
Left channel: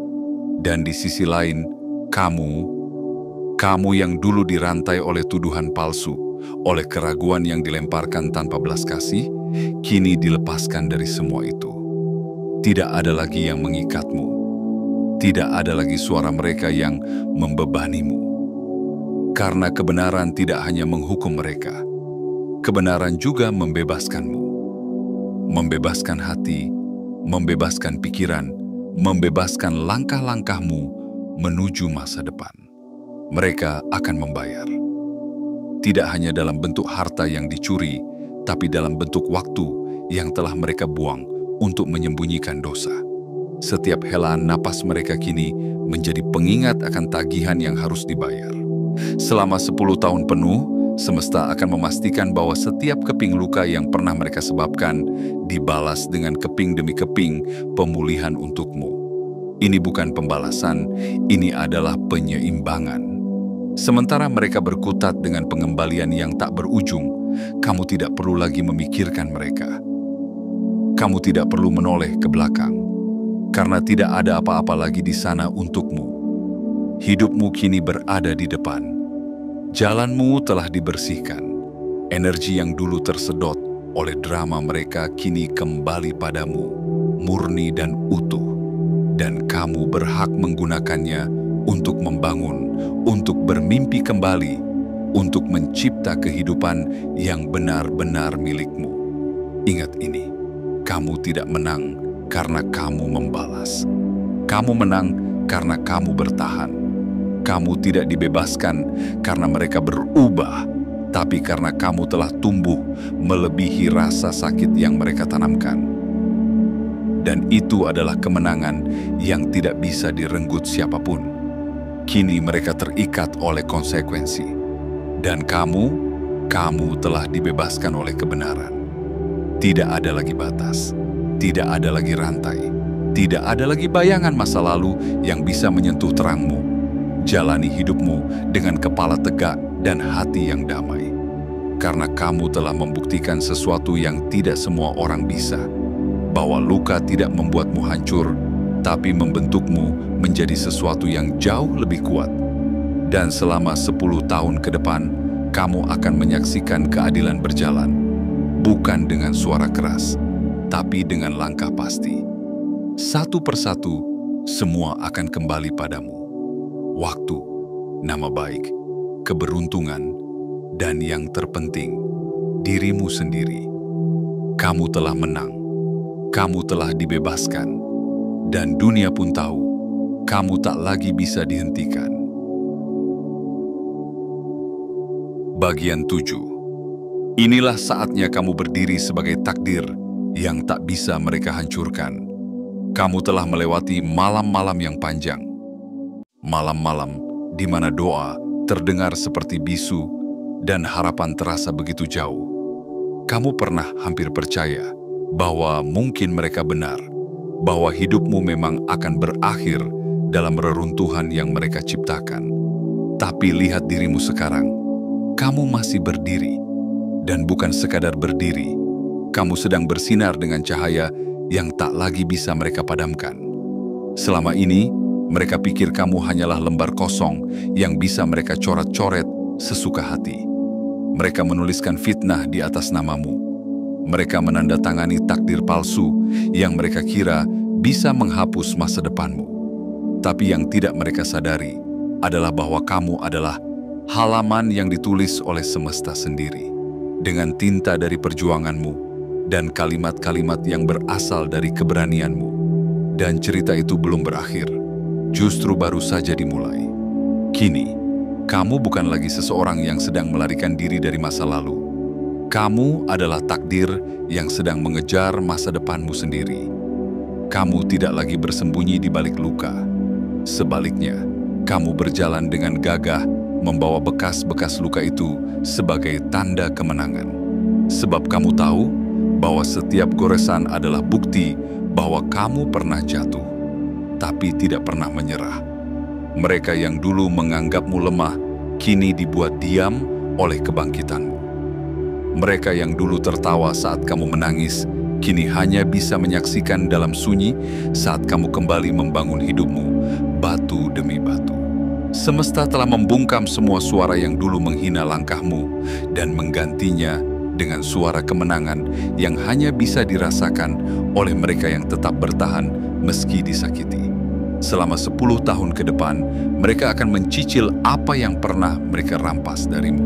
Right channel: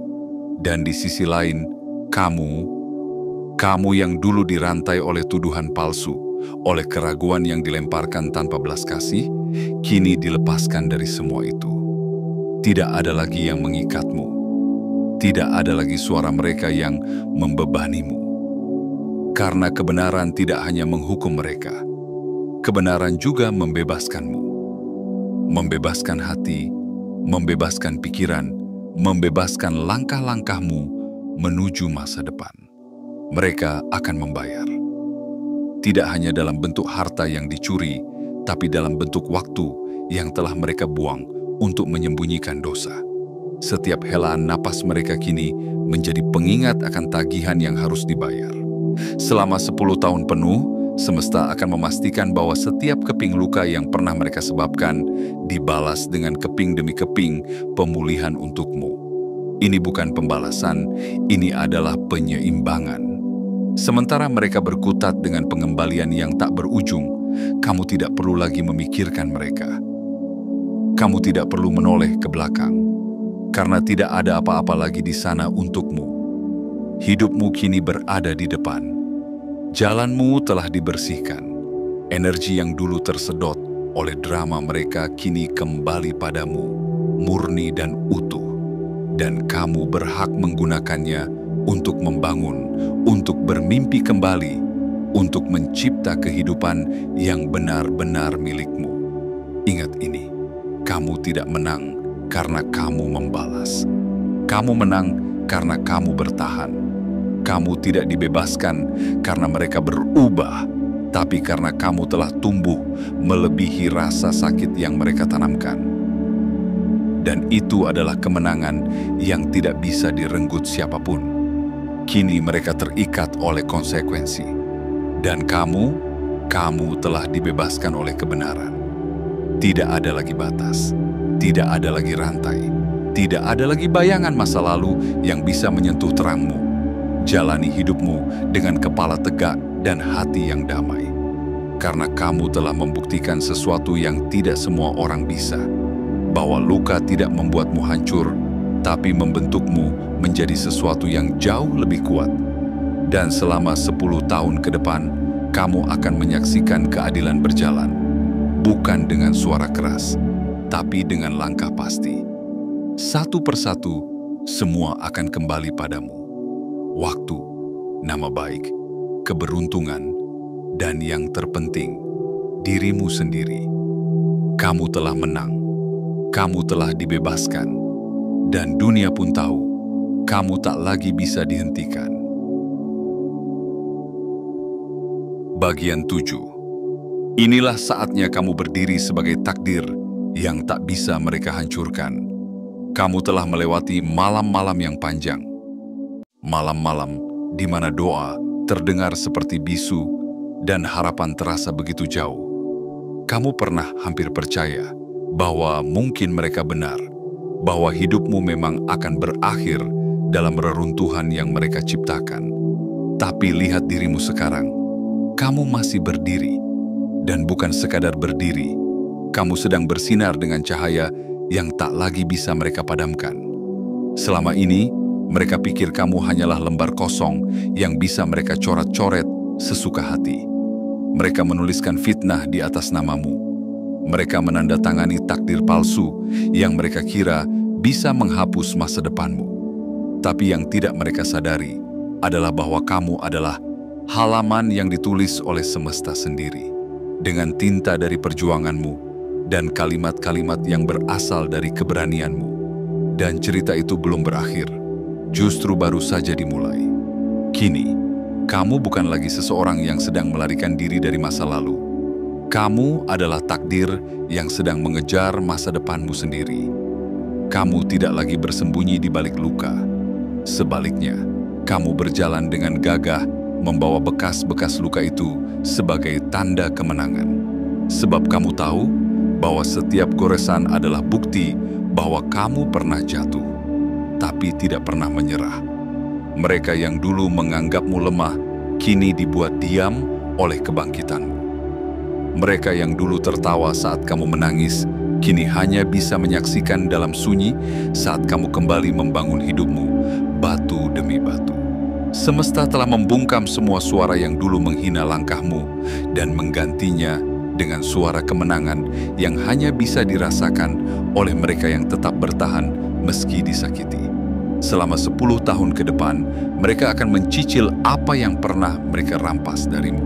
Dan di sisi lain, kamu yang dulu dirantai oleh tuduhan palsu, oleh keraguan yang dilemparkan tanpa belas kasih, kini dilepaskan dari semua itu. Tidak ada lagi yang mengikatmu, tidak ada lagi suara mereka yang membebanimu. Karena kebenaran tidak hanya menghukum mereka, kebenaran juga membebaskanmu. Membebaskan hati, membebaskan pikiran, membebaskan langkah-langkahmu menuju masa depan. Mereka akan membayar. Tidak hanya dalam bentuk harta yang dicuri, tapi dalam bentuk waktu yang telah mereka buang untuk menyembunyikan dosa. Setiap helaan napas mereka kini menjadi pengingat akan tagihan yang harus dibayar. Selama 10 tahun penuh, semesta akan memastikan bahwa setiap keping luka yang pernah mereka sebabkan dibalas dengan keping demi keping pemulihan untukmu. Ini bukan pembalasan, ini adalah penyeimbangan. Sementara mereka berkutat dengan pengembalian yang tak berujung, kamu tidak perlu lagi memikirkan mereka. Kamu tidak perlu menoleh ke belakang, karena tidak ada apa-apa lagi di sana untukmu. Hidupmu kini berada di depan. Jalanmu telah dibersihkan. Energi yang dulu tersedot oleh drama mereka kini kembali padamu, murni dan utuh. Dan kamu berhak menggunakannya untuk membangun, untuk bermimpi kembali, untuk mencipta kehidupan yang benar-benar milikmu. Ingat ini, kamu tidak menang karena kamu membalas. Kamu menang karena kamu bertahan. Kamu tidak dibebaskan karena mereka berubah, tapi karena kamu telah tumbuh melebihi rasa sakit yang mereka tanamkan. Dan itu adalah kemenangan yang tidak bisa direnggut siapapun. Kini mereka terikat oleh konsekuensi. Dan kamu telah dibebaskan oleh kebenaran. Tidak ada lagi batas, tidak ada lagi rantai, tidak ada lagi bayangan masa lalu yang bisa menyentuh terangmu. Jalani hidupmu dengan kepala tegak dan hati yang damai. Karena kamu telah membuktikan sesuatu yang tidak semua orang bisa. Bahwa luka tidak membuatmu hancur, tapi membentukmu menjadi sesuatu yang jauh lebih kuat. Dan selama 10 tahun ke depan, kamu akan menyaksikan keadilan berjalan. Bukan dengan suara keras, tapi dengan langkah pasti. Satu persatu, semua akan kembali padamu. Waktu, nama baik, keberuntungan, dan yang terpenting, dirimu sendiri. Kamu telah menang, kamu telah dibebaskan, dan dunia pun tahu, kamu tak lagi bisa dihentikan. Bagian 7. Inilah saatnya kamu berdiri sebagai takdir yang tak bisa mereka hancurkan. Kamu telah melewati malam-malam yang panjang. Malam-malam di mana doa terdengar seperti bisu dan harapan terasa begitu jauh. Kamu pernah hampir percaya bahwa mungkin mereka benar, bahwa hidupmu memang akan berakhir dalam reruntuhan yang mereka ciptakan. Tapi lihat dirimu sekarang, kamu masih berdiri. Dan bukan sekadar berdiri, kamu sedang bersinar dengan cahaya yang tak lagi bisa mereka padamkan. Selama ini, mereka pikir kamu hanyalah lembar kosong yang bisa mereka coret-coret sesuka hati. Mereka menuliskan fitnah di atas namamu. Mereka menandatangani takdir palsu yang mereka kira bisa menghapus masa depanmu. Tapi yang tidak mereka sadari adalah bahwa kamu adalah halaman yang ditulis oleh semesta sendiri, dengan tinta dari perjuanganmu dan kalimat-kalimat yang berasal dari keberanianmu. Dan cerita itu belum berakhir, justru baru saja dimulai. Kini, kamu bukan lagi seseorang yang sedang melarikan diri dari masa lalu. Kamu adalah takdir yang sedang mengejar masa depanmu sendiri. Kamu tidak lagi bersembunyi di balik luka. Sebaliknya, kamu berjalan dengan gagah membawa bekas-bekas luka itu sebagai tanda kemenangan. Sebab kamu tahu bahwa setiap goresan adalah bukti bahwa kamu pernah jatuh, tapi tidak pernah menyerah. Mereka yang dulu menganggapmu lemah, kini dibuat diam oleh kebangkitanmu. Mereka yang dulu tertawa saat kamu menangis, kini hanya bisa menyaksikan dalam sunyi saat kamu kembali membangun hidupmu, batu demi batu. Semesta telah membungkam semua suara yang dulu menghina langkahmu dan menggantinya dengan suara kemenangan yang hanya bisa dirasakan oleh mereka yang tetap bertahan meski disakiti. Selama 10 tahun ke depan, mereka akan mencicil apa yang pernah mereka rampas darimu.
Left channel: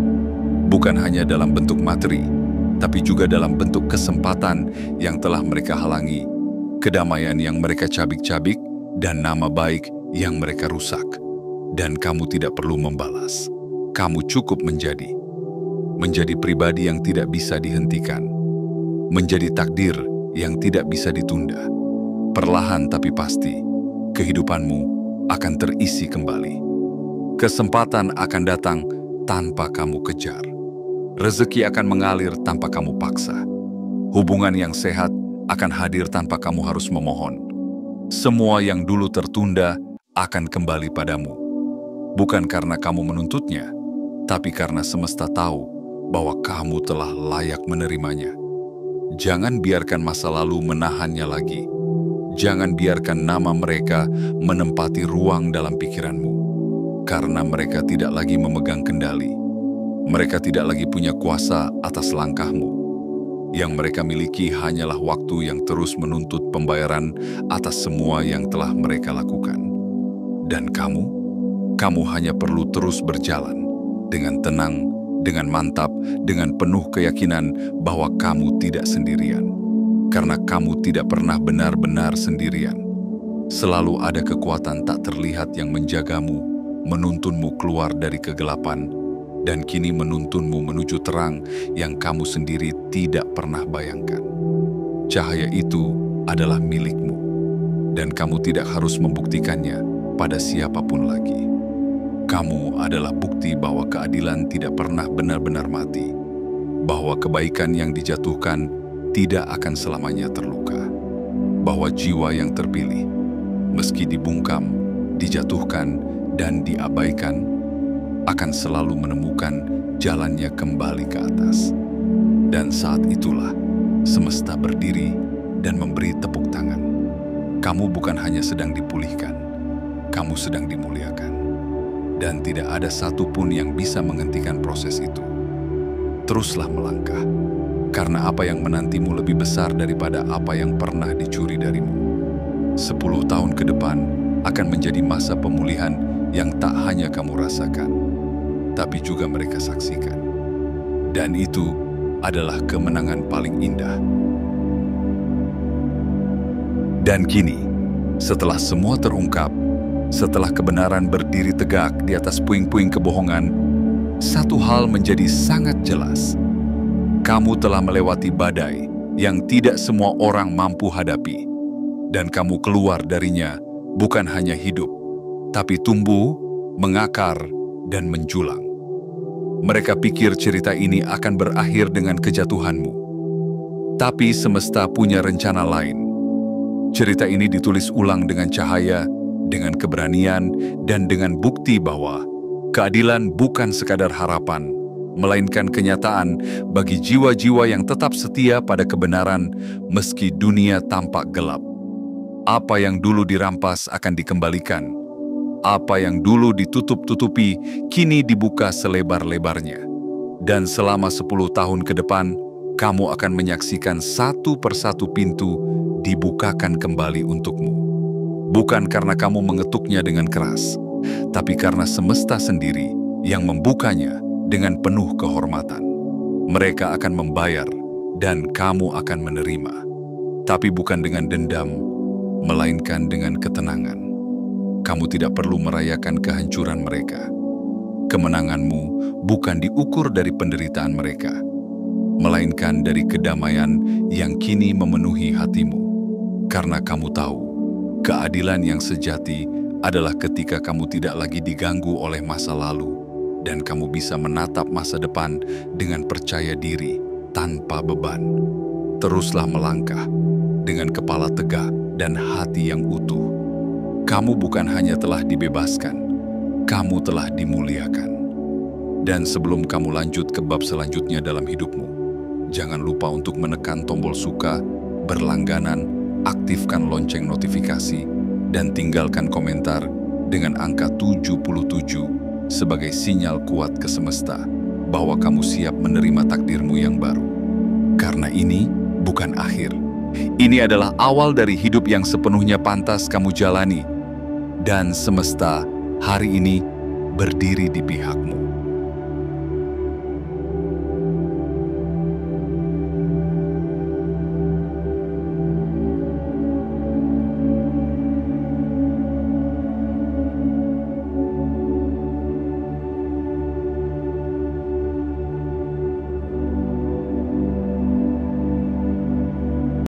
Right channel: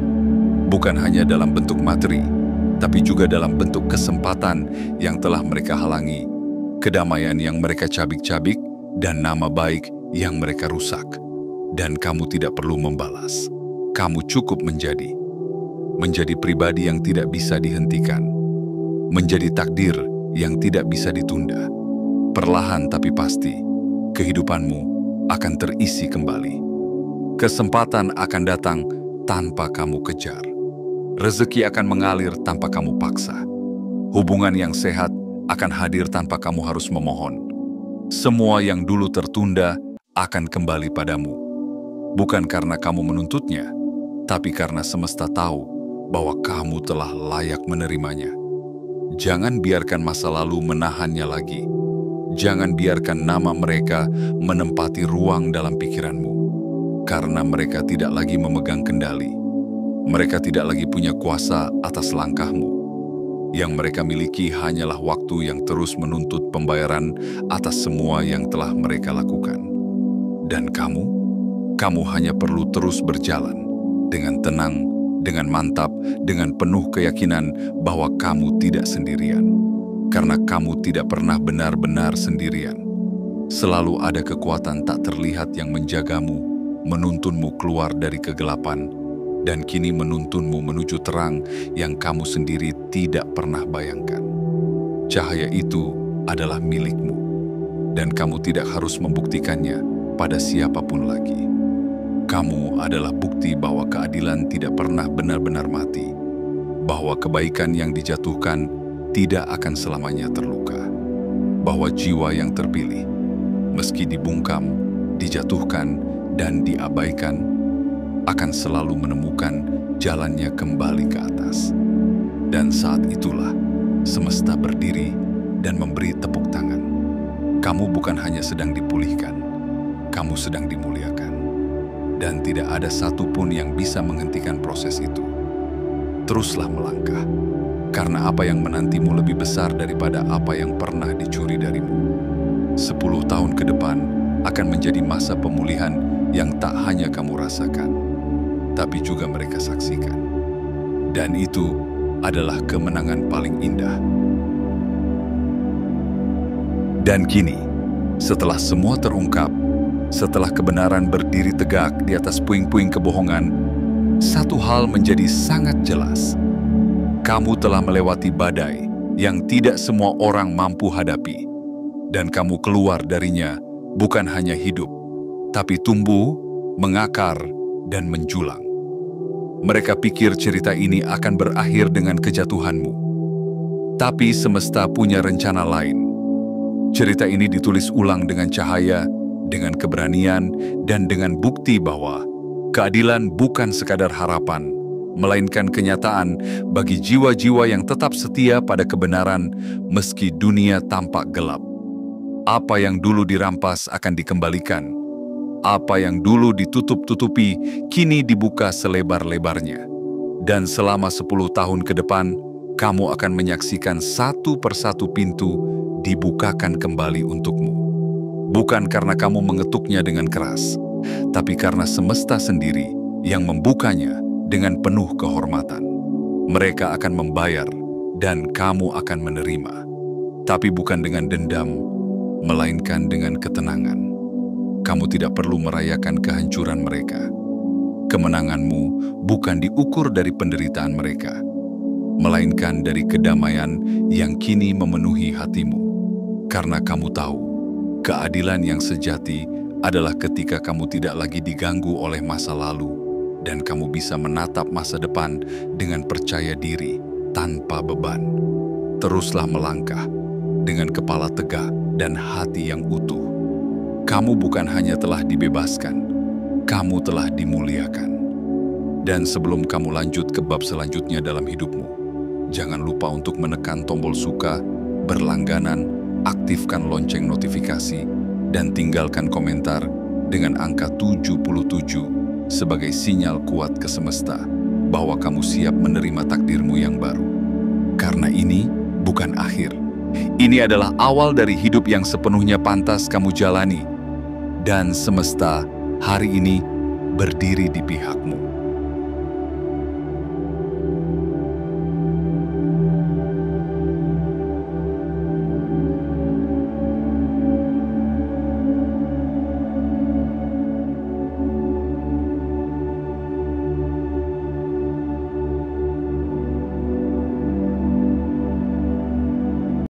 Bukan hanya dalam bentuk materi, tapi juga dalam bentuk kesempatan yang telah mereka halangi, kedamaian yang mereka cabik-cabik, dan nama baik yang mereka rusak. Dan kamu tidak perlu membalas. Kamu cukup menjadi pribadi yang tidak bisa dihentikan, menjadi takdir yang tidak bisa ditunda. Perlahan tapi pasti, kehidupanmu akan terisi kembali. Kesempatan akan datang tanpa kamu kejar. Rezeki akan mengalir tanpa kamu paksa. Hubungan yang sehat akan hadir tanpa kamu harus memohon. Semua yang dulu tertunda akan kembali padamu. Bukan karena kamu menuntutnya, tapi karena semesta tahu bahwa kamu telah layak menerimanya. Jangan biarkan masa lalu menahannya lagi. Jangan biarkan nama mereka menempati ruang dalam pikiranmu. Karena mereka tidak lagi memegang kendali. Mereka tidak lagi punya kuasa atas langkahmu. Yang mereka miliki hanyalah waktu yang terus menuntut pembayaran atas semua yang telah mereka lakukan. Dan kamu hanya perlu terus berjalan dengan tenang, dengan mantap, dengan penuh keyakinan bahwa kamu tidak sendirian. Karena kamu tidak pernah benar-benar sendirian. Selalu ada kekuatan tak terlihat yang menjagamu, menuntunmu keluar dari kegelapan, dan kini menuntunmu menuju terang yang kamu sendiri tidak pernah bayangkan. Cahaya itu adalah milikmu, dan kamu tidak harus membuktikannya pada siapapun lagi. Kamu adalah bukti bahwa keadilan tidak pernah benar-benar mati, bahwa kebaikan yang dijatuhkan tidak akan selamanya terluka, bahwa jiwa yang terpilih, meski dibungkam, dijatuhkan, dan diabaikan, akan selalu menemukan jalannya kembali ke atas. Dan saat itulah semesta berdiri dan memberi tepuk tangan. Kamu bukan hanya sedang dipulihkan, kamu sedang dimuliakan. Dan tidak ada satupun yang bisa menghentikan proses itu. Teruslah melangkah, karena apa yang menantimu lebih besar daripada apa yang pernah dicuri darimu. 10 tahun ke depan akan menjadi masa pemulihan yang tak hanya kamu rasakan, tapi juga mereka saksikan. Dan itu adalah kemenangan paling indah. Dan kini, setelah semua terungkap, setelah kebenaran berdiri tegak di atas puing-puing kebohongan, satu hal menjadi sangat jelas. Kamu telah melewati badai yang tidak semua orang mampu hadapi. dan kamu keluar darinya bukan hanya hidup, tapi tumbuh, mengakar, dan menjulang. Mereka pikir cerita ini akan berakhir dengan kejatuhanmu. Tapi semesta punya rencana lain. Cerita ini ditulis ulang dengan cahaya, dengan keberanian, dan dengan bukti bahwa keadilan bukan sekadar harapan, melainkan kenyataan bagi jiwa-jiwa yang tetap setia pada kebenaran meski dunia tampak gelap. Apa yang dulu dirampas akan dikembalikan. Apa yang dulu ditutup-tutupi kini dibuka selebar-lebarnya. Dan selama 10 tahun ke depan, kamu akan menyaksikan satu persatu pintu dibukakan kembali untukmu. Bukan karena kamu mengetuknya dengan keras, tapi karena semesta sendiri yang membukanya dengan penuh kehormatan. Mereka akan membayar dan kamu akan menerima. Tapi bukan dengan dendam, melainkan dengan ketenangan. Kamu tidak perlu merayakan kehancuran mereka. Kemenanganmu bukan diukur dari penderitaan mereka, melainkan dari kedamaian yang kini memenuhi hatimu. Karena kamu tahu, keadilan yang sejati adalah ketika kamu tidak lagi diganggu oleh masa lalu dan kamu bisa menatap masa depan dengan percaya diri tanpa beban. Teruslah melangkah dengan kepala tegak dan hati yang utuh. Kamu bukan hanya telah dibebaskan, kamu telah dimuliakan. Dan sebelum kamu lanjut ke bab selanjutnya dalam hidupmu, jangan lupa untuk menekan tombol suka, berlangganan, aktifkan lonceng notifikasi, dan tinggalkan komentar dengan angka 77 sebagai sinyal kuat ke semesta bahwa kamu siap menerima takdirmu yang baru. Karena ini bukan akhir. Ini adalah awal dari hidup yang sepenuhnya pantas kamu jalani. Dan semesta hari ini berdiri di pihakmu.